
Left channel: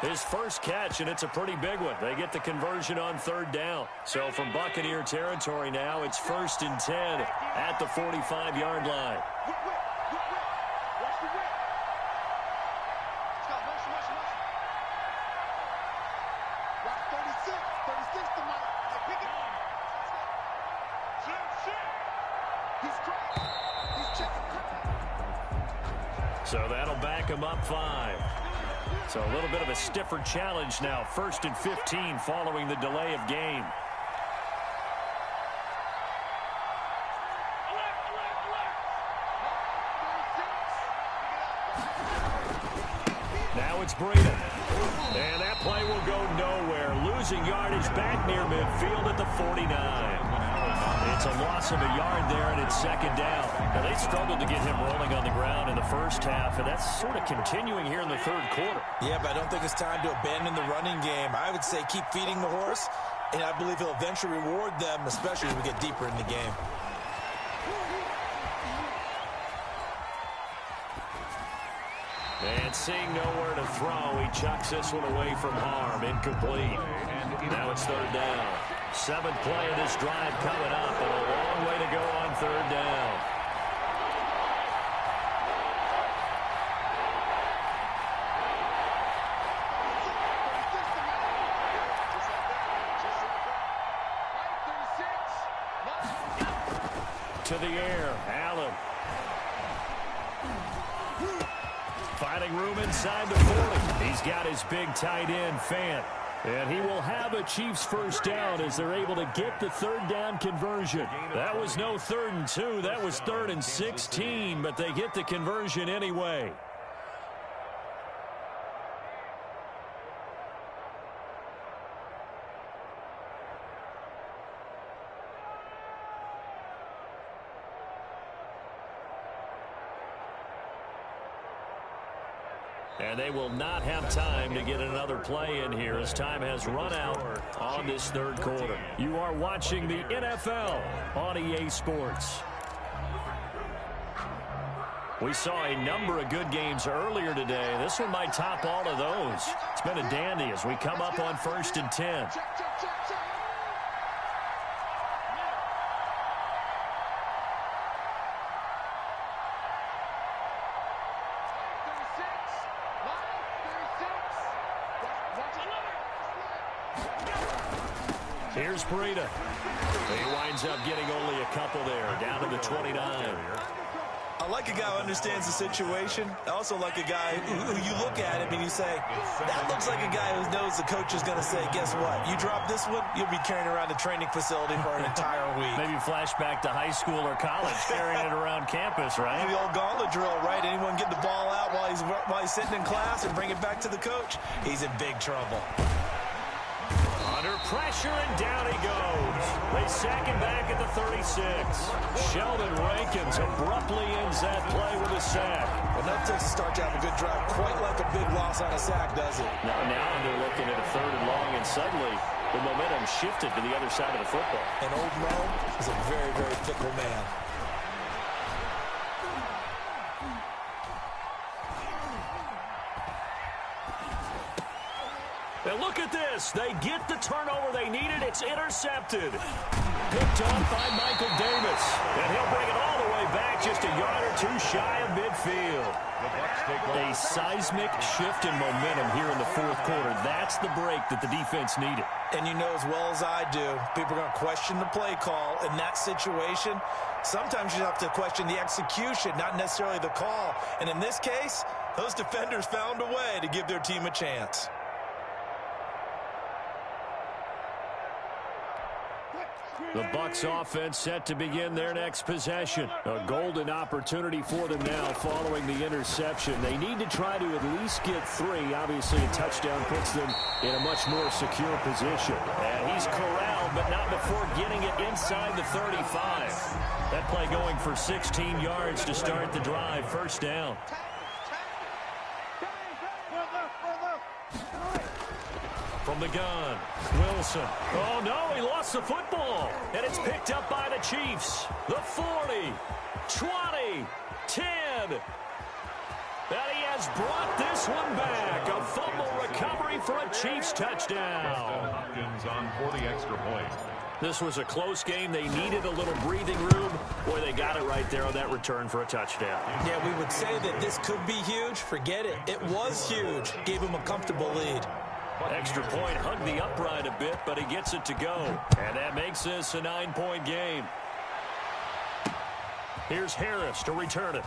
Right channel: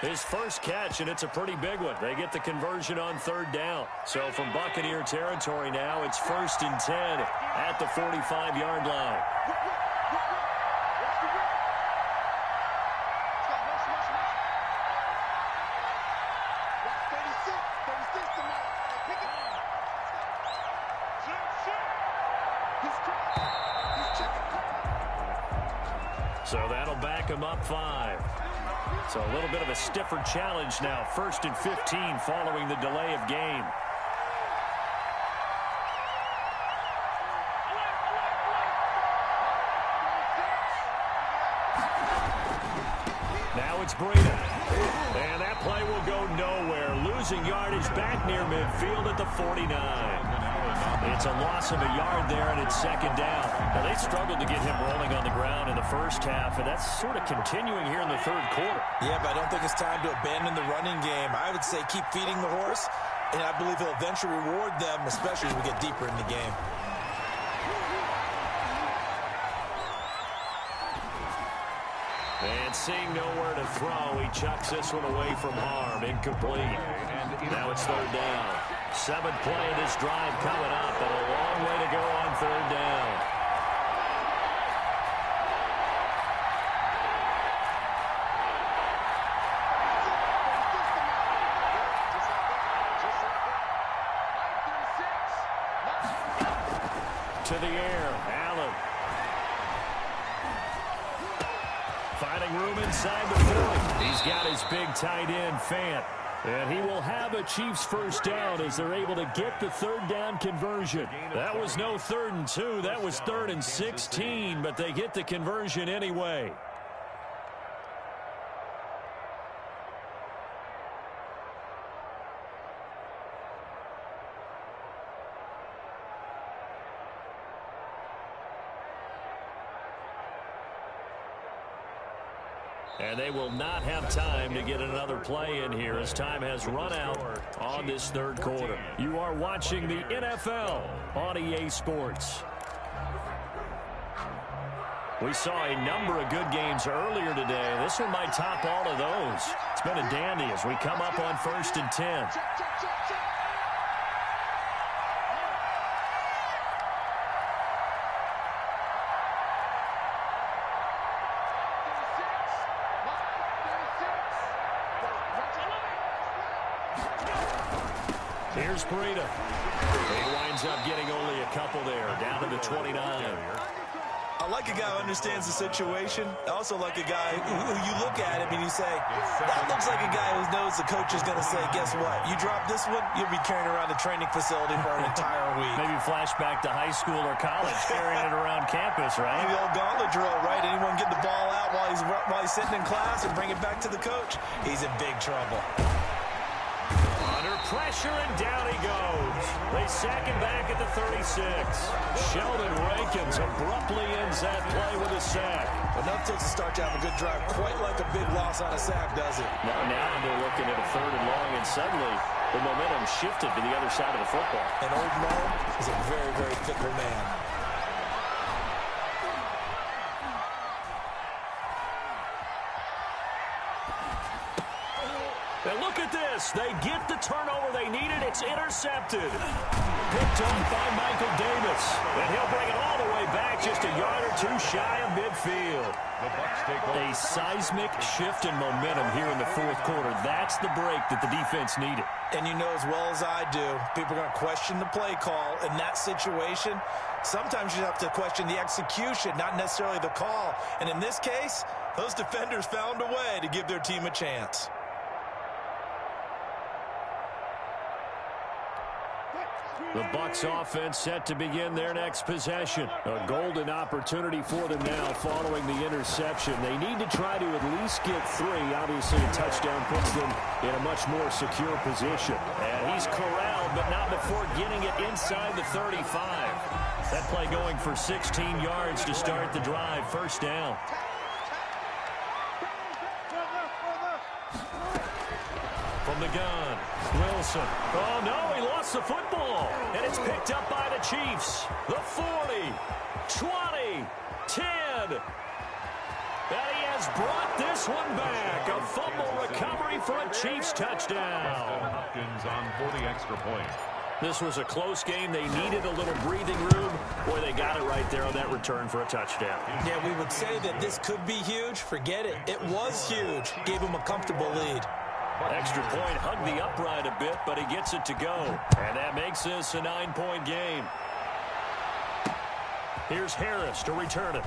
His first catch, and it's a pretty big one. They get the conversion on third down. So from Buccaneer territory now, it's 1st and 10 at the 45-yard line. Watch the whip. Let's go, motion. Watch 36. 36 to Mike. Hey, pick it up. He's crossed. He's checking. So that'll back him up 5. So a little bit of a stiffer challenge now. 1st and 15 following the delay of game. Now it's Breida. And that play will go nowhere. Losing yardage back near midfield at the 49. It's a loss of a yard there, and it's second down. Now, they struggled to get him rolling on the ground in the first half, and that's sort of continuing here in the third quarter. Yeah, but I don't think it's time to abandon the running game. I would say keep feeding the horse, and I believe he'll eventually reward them, especially as we get deeper in the game. And seeing nowhere to throw, he chucks this one away from harm. Incomplete. Now it's third down. 7th play of this drive coming up, but a long way to go on third down. To the air, Allen. Finding room inside the 40. He's got his big tight end, Fant. And he will have a Chiefs first down as they're able to get the third down conversion. That was no 3rd and 2. That was 3rd and 16, but they get the conversion anyway. And they will not have time to get another play in here as time has run out on this third quarter. You are watching the NFL on EA Sports. We saw a number of good games earlier today. This one might top all of those. It's been a dandy as we come up on 1st and 10. Here's Breida. He winds up getting only a couple there, down to the 29. I like a guy who understands the situation. I also like a guy who you look at him and you say, that looks like a guy who knows the coach is going to say, guess what? You drop this one, you'll be carrying around the training facility for an entire week. Maybe flashback to high school or college, carrying it around campus, right? The old gauntlet drill, right? Anyone get the ball out while he's sitting in class and bring it back to the coach? He's in big trouble. Under pressure, and down he goes. They sack him back at the 36. Sheldon Rankins abruptly ends that play with a sack. Enough takes to start to have a good drive. Quite like a big loss on a sack, does it? Now they're looking at a 3rd and long, and suddenly the momentum shifted to the other side of the football. And old Mo is a very, very fickle man. And look at this. They get the turnover they needed. It's intercepted. Picked up by Michael Davis. And he'll bring it all the way back just a yard or two shy of midfield. A seismic shift in momentum here in the 4th quarter. That's the break that the defense needed. And you know as well as I do, people are going to question the play call in that situation. Sometimes you have to question the execution, not necessarily the call. And in this case, those defenders found a way to give their team a chance. The Bucs offense set to begin their next possession. A golden opportunity for them now following the interception. They need to try to at least get 3. Obviously, a touchdown puts them in a much more secure position. And he's corralled, but not before getting it inside the 35. That play going for 16 yards to start the drive. First down. From the gun, Wilson. Oh, no, he lost the football. And it's picked up by the Chiefs. The 40, 20, 10. And he has brought this one back. A fumble recovery for a Chiefs touchdown. Hopkins on for the extra point. This was a close game. They needed a little breathing room. Boy, they got it right there on that return for a touchdown. Yeah, we would say that this could be huge. Forget it. It was huge. Gave him a comfortable lead. Extra point, hugged the upright a bit, but he gets it to go. And that makes this a 9-point game. Here's Harris to return it.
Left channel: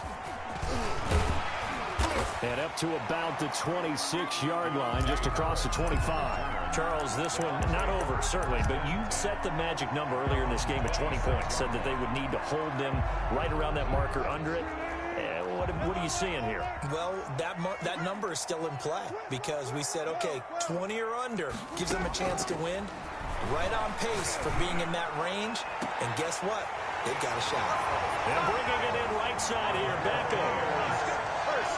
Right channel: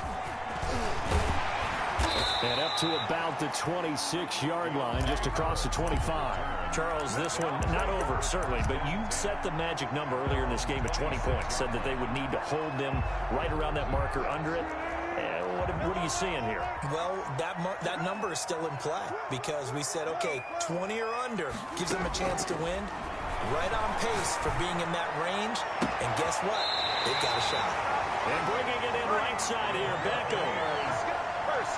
And up to about the 26-yard line, just across the 25. Charles, this one not over, certainly, but you set the magic number earlier in this game at 20 points. Said that they would need to hold them right around that marker under it. What are you seeing here? Well, that number is still in play because we said, okay, 20 or under gives them a chance to win. Right on pace for being in that range. And guess what? They've got a shot. And bringing it in right side here, Beckham.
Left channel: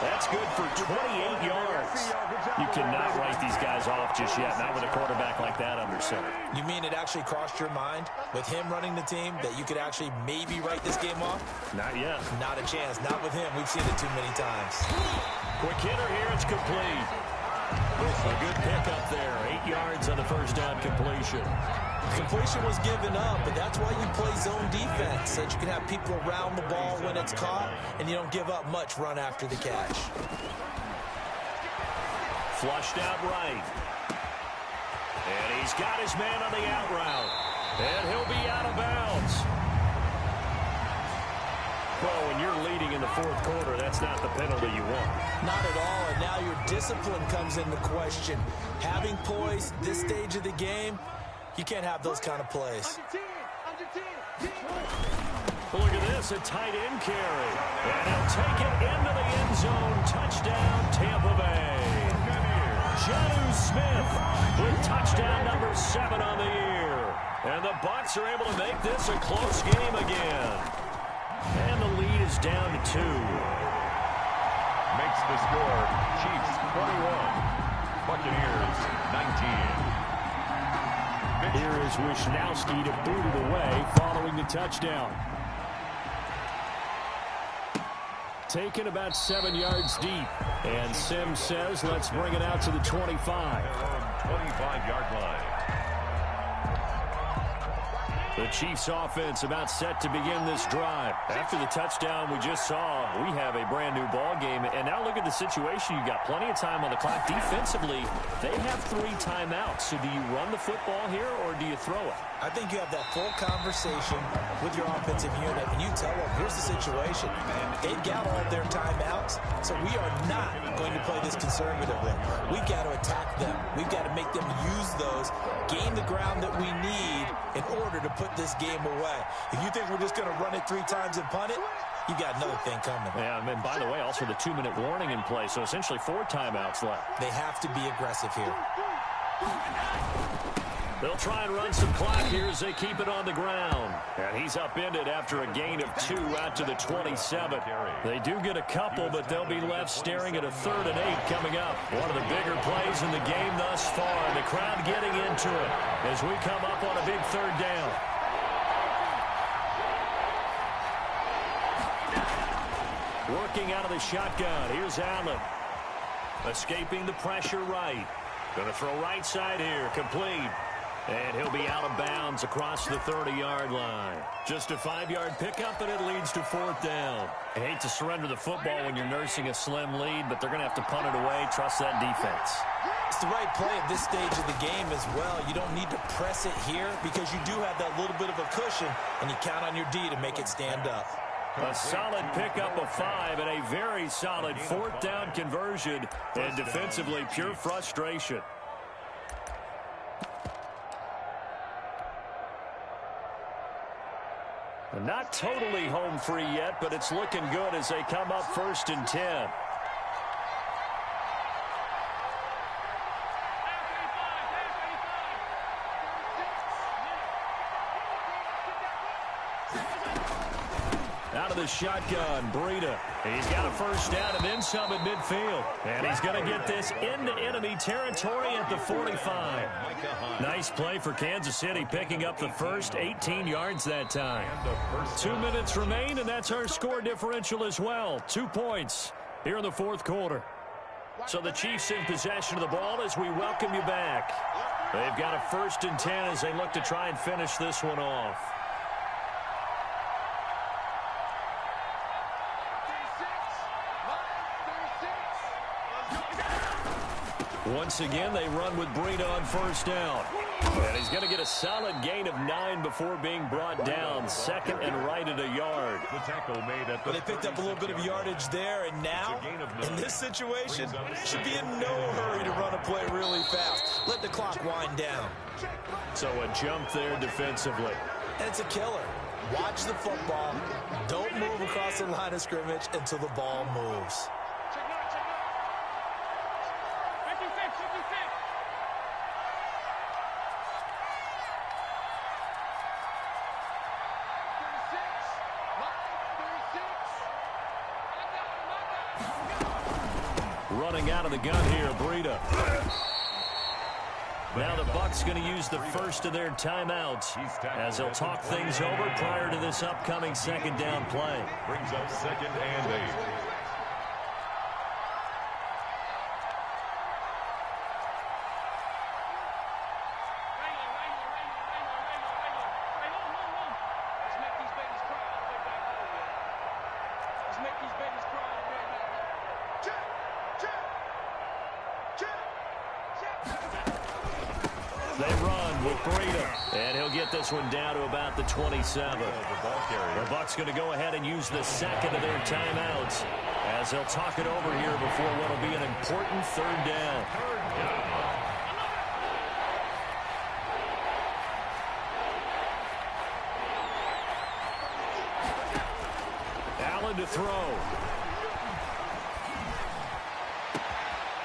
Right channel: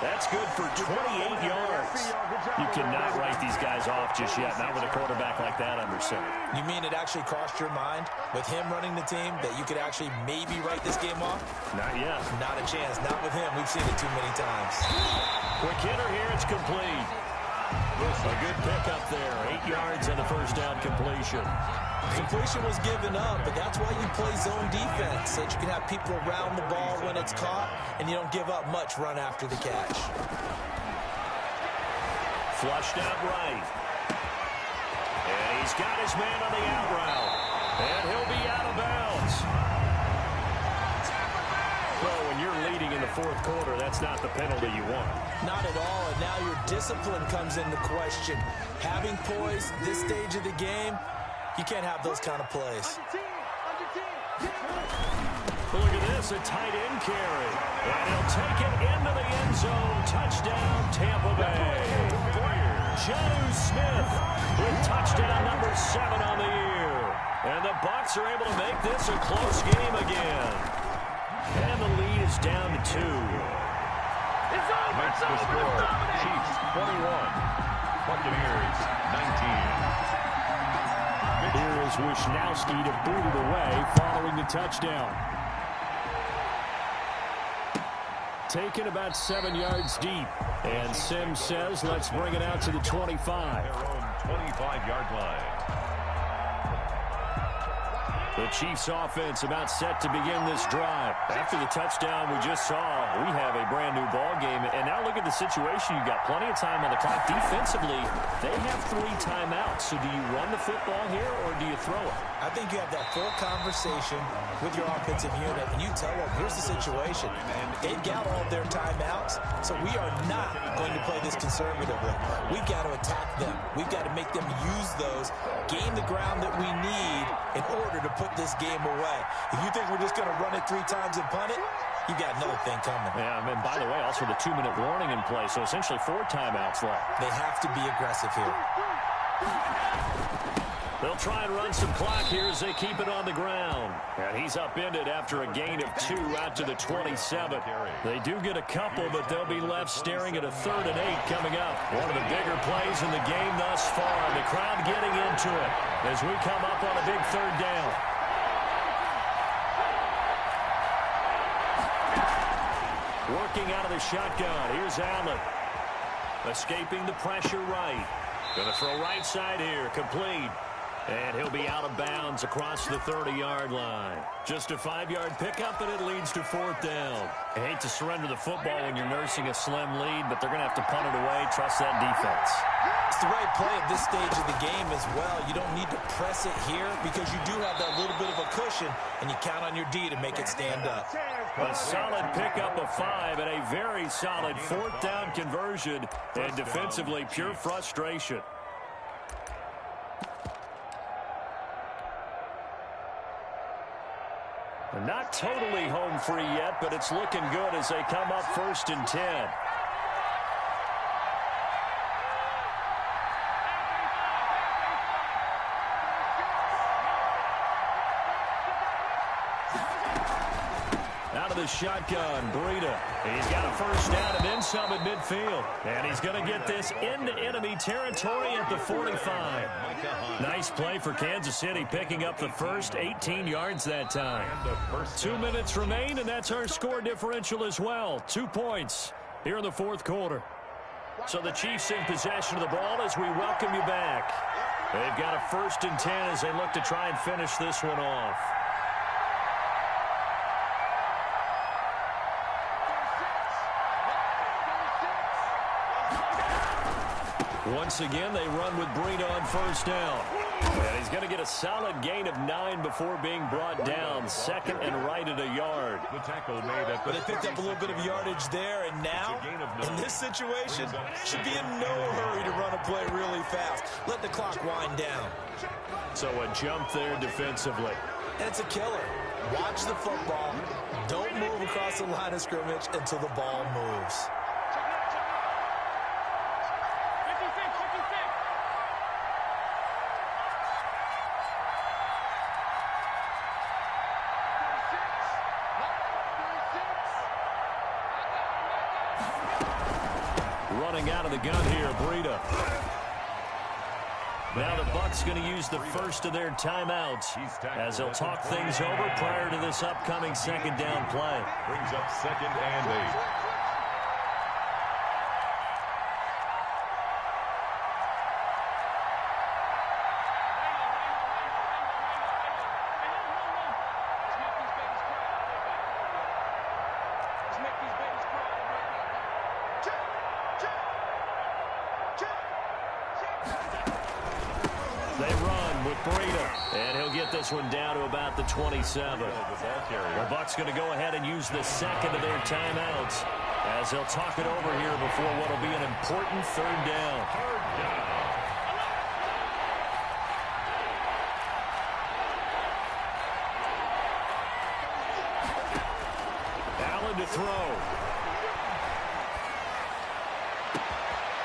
That's good for 28 yards. You cannot write these guys off just yet, not with a quarterback like that under center. You mean it actually crossed your mind with him running the team that you could actually maybe write this game off? Not yet. Not a chance. Not with him. We've seen it too many times. Quick hitter here. It's complete. A good pickup there. 8 yards on the first down completion. Completion was given up, but that's why you play zone defense, so that you can have people around the ball when it's caught, and you don't give up much run after the catch. Flushed out right. And he's got his man on the out route. And he'll be out of bounds. Well, when you're leading in the 4th quarter, that's not the penalty you want. Not at all, and now your discipline comes into question. Having poise this stage of the game, you can't have those kind of plays. Well, look at this, a tight end carry. And he'll take it into the end zone. Touchdown, Tampa Bay. Jonnu Smith with touchdown number 7 on the year. And the Bucs are able to make this a close game again. And the lead is down to 2. Makes the score Chiefs 21, Buccaneers 19. Here is Wisnowski to boot it away following the touchdown. Taken about 7 yards deep. And Sims says, let's bring it out to the 25. Their own 25-yard line. The Chiefs offense about set to begin this drive. After the touchdown we just saw, we have a brand new ball game. And now look at the situation. You've got plenty of time on the clock. Defensively, they have 3 timeouts. So do you run the football here or do you throw it? I think you have that full conversation with your offensive unit, and you tell them, here's the situation. They've got all their timeouts, so we are not going to play this conservatively. We've got to attack them. We've got to make them use those, gain the ground that we need in order to put this game away. If you think we're just going to run it 3 times and punt it, you've got another thing coming. Yeah, and by the way, also the 2-minute warning in play, so essentially 4 timeouts left. They have to be aggressive here. They'll try and run some clock here as they keep it on the ground. And he's upended after a gain of 2 out to the 27. They do get a couple, but they'll be left staring at a 3rd and 8 coming up. One of the bigger plays in the game thus far. The crowd getting into it as we come up on a big 3rd down. Working out of the shotgun. Here's Allen. Escaping the pressure right. Going to throw right side here. Complete. And he'll be out of bounds across the 30-yard line. Just a 5-yard pickup, and it leads to 4th down. I hate to surrender the football when you're nursing a slim lead, but they're going to have to punt it away. Trust that defense. It's the right play at this stage of the game as well. You don't need to press it here because you do have that little bit of a cushion, and you count on your D to make it stand up. A solid pickup of 5 and a very solid 4th down conversion, and defensively pure frustration. Not totally home free yet, but it's looking good as they come up 1st and 10. Out of the shotgun, Breida. He's got a 1st down and then some at midfield. And he's going to get this into enemy territory at the 45. Nice play for Kansas City, picking up the first, 18 yards that time. 2 minutes remain, and that's our score differential as well. 2 points here in the 4th quarter. So the Chiefs in possession of the ball as we welcome you back. They've got a 1st and 10 as they look to try and finish this one off. Once again, they run with Breida on 1st down. And he's going to get a solid gain of 9 before being brought down. 2nd and right at a yard. The tackle made at the they picked up a little bit of yardage there, and now, in this situation, should be in no hurry to run a play really fast. Let the clock wind down. So a jump there defensively. And it's a killer. Watch the football. Don't move across the line of scrimmage until the ball moves. Running out of the gun here, Breida. Now the Bucs going to use the first of their timeouts as they'll talk things over prior to this upcoming 2nd down play. Brings up 2nd and 8. They run with Breida, and he'll get this one down to about the 27. The Bucs going to go ahead and use the 2nd of their timeouts as they'll talk it over here before what will be an important 3rd down. Allen to throw.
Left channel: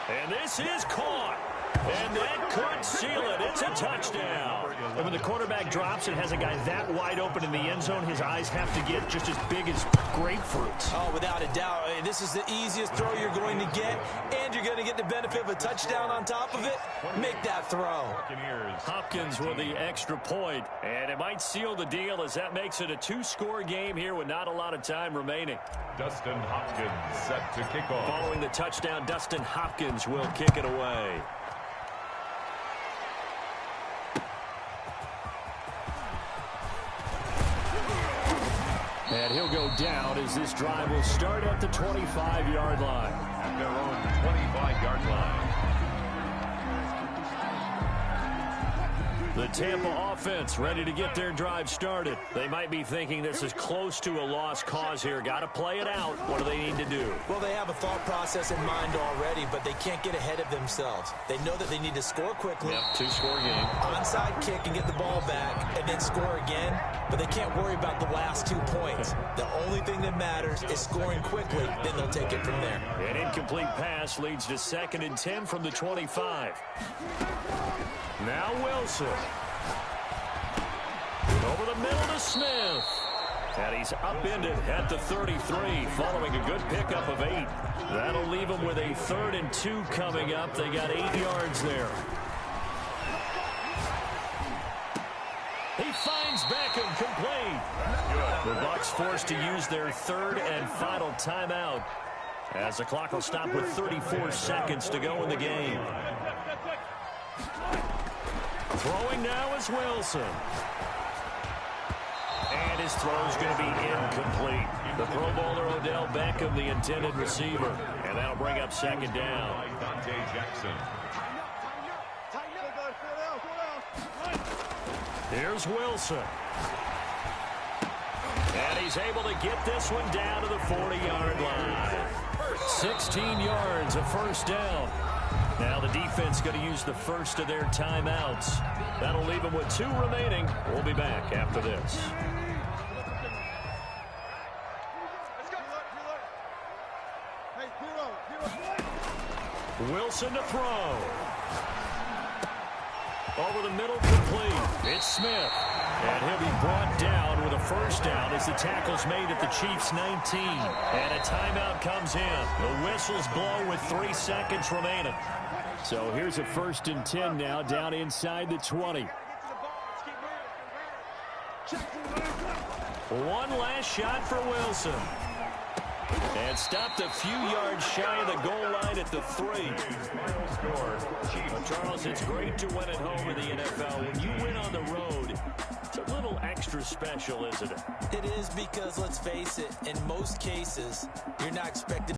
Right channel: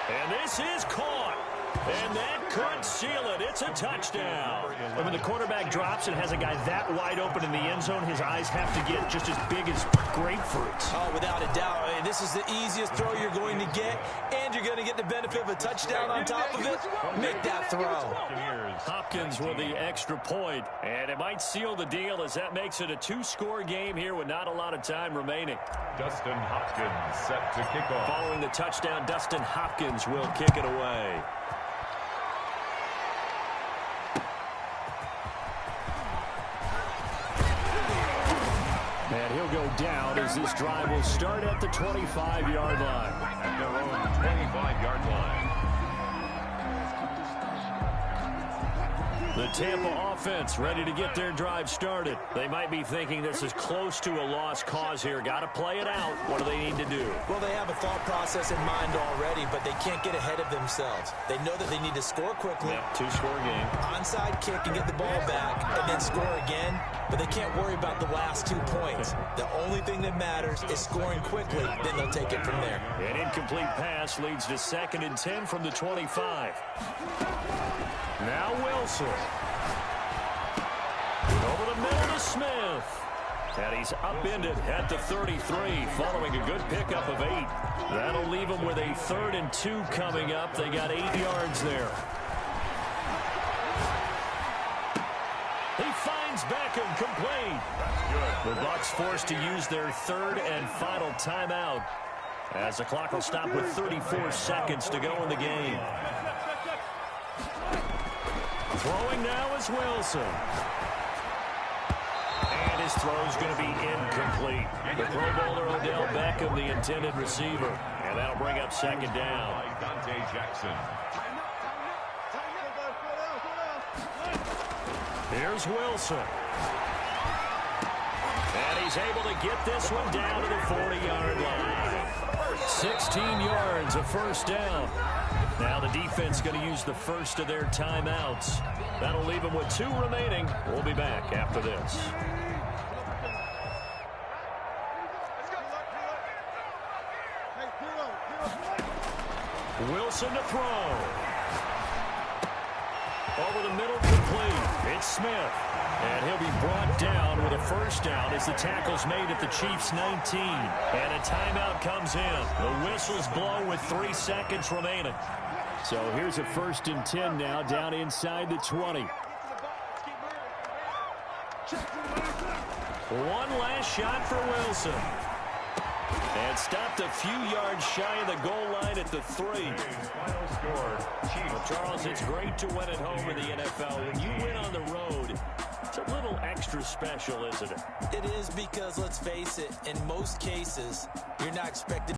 And this is caught. And that could seal it. It's a touchdown. And when the quarterback drops and has a guy that wide open in the end zone, his eyes have to get just as big as grapefruits. Oh, without a doubt. This is the easiest throw you're going to get, and you're going to get the benefit of a touchdown on top of it. Make that throw. Hopkins with the extra point, and it might seal the deal as that makes it a 2-score game here with not a lot of time remaining. Dustin Hopkins set to kick off. Following the touchdown, Dustin Hopkins will kick it away. he'll go down as this drive will start at the 25-yard line. At their own 25-yard line. The Tampa offense ready to get their drive started. They might be thinking this is close to a lost cause here. Got to play it out. What do they need to do? Well, they have a thought process in mind already, but they can't get ahead of themselves. They know that they need to score quickly. Yep, two-score game. Onside kick and get the ball back and then score again, but they can't worry about the last 2 points. The only thing that matters is scoring quickly, then they'll take it from there. An incomplete pass leads to 2nd and 10 from the 25. Now Wilson. Over the middle to Smith. And he's upended at the 33 following a good pickup of 8. That'll leave him with a 3rd and 2 coming up. They got 8 yards there. He finds Beckham complete. That's good. The Bucs forced to use their 3rd and final timeout as the clock will stop with 34 seconds to go in the game. Throwing now is Wilson. And his throw's going to be incomplete. The Pro Bowler Odell Beckham, the intended receiver. And that'll bring up 2nd down. Dante Jackson. Here's Wilson. And he's able to get this one down to the 40-yard line. 16 yards, a 1st down. Now the defense going to use the first of their timeouts. That'll leave them with 2 remaining. We'll be back after this. Wilson to throw. Over the middle, complete. It's Smith. And he'll be brought down with a 1st down as the tackle's made at the Chiefs' 19. And a timeout comes in. The whistles blow with 3 seconds remaining. So here's a 1st and 10 now down inside the 20. One last shot for Wilson. And stopped a few yards shy of the goal line at the 3. Final score, Chiefs. Well, Charles, it's great to win at home in the NFL. When you win on the road, it's a little extra special, isn't it? It is because, let's face it, in most cases, you're not expected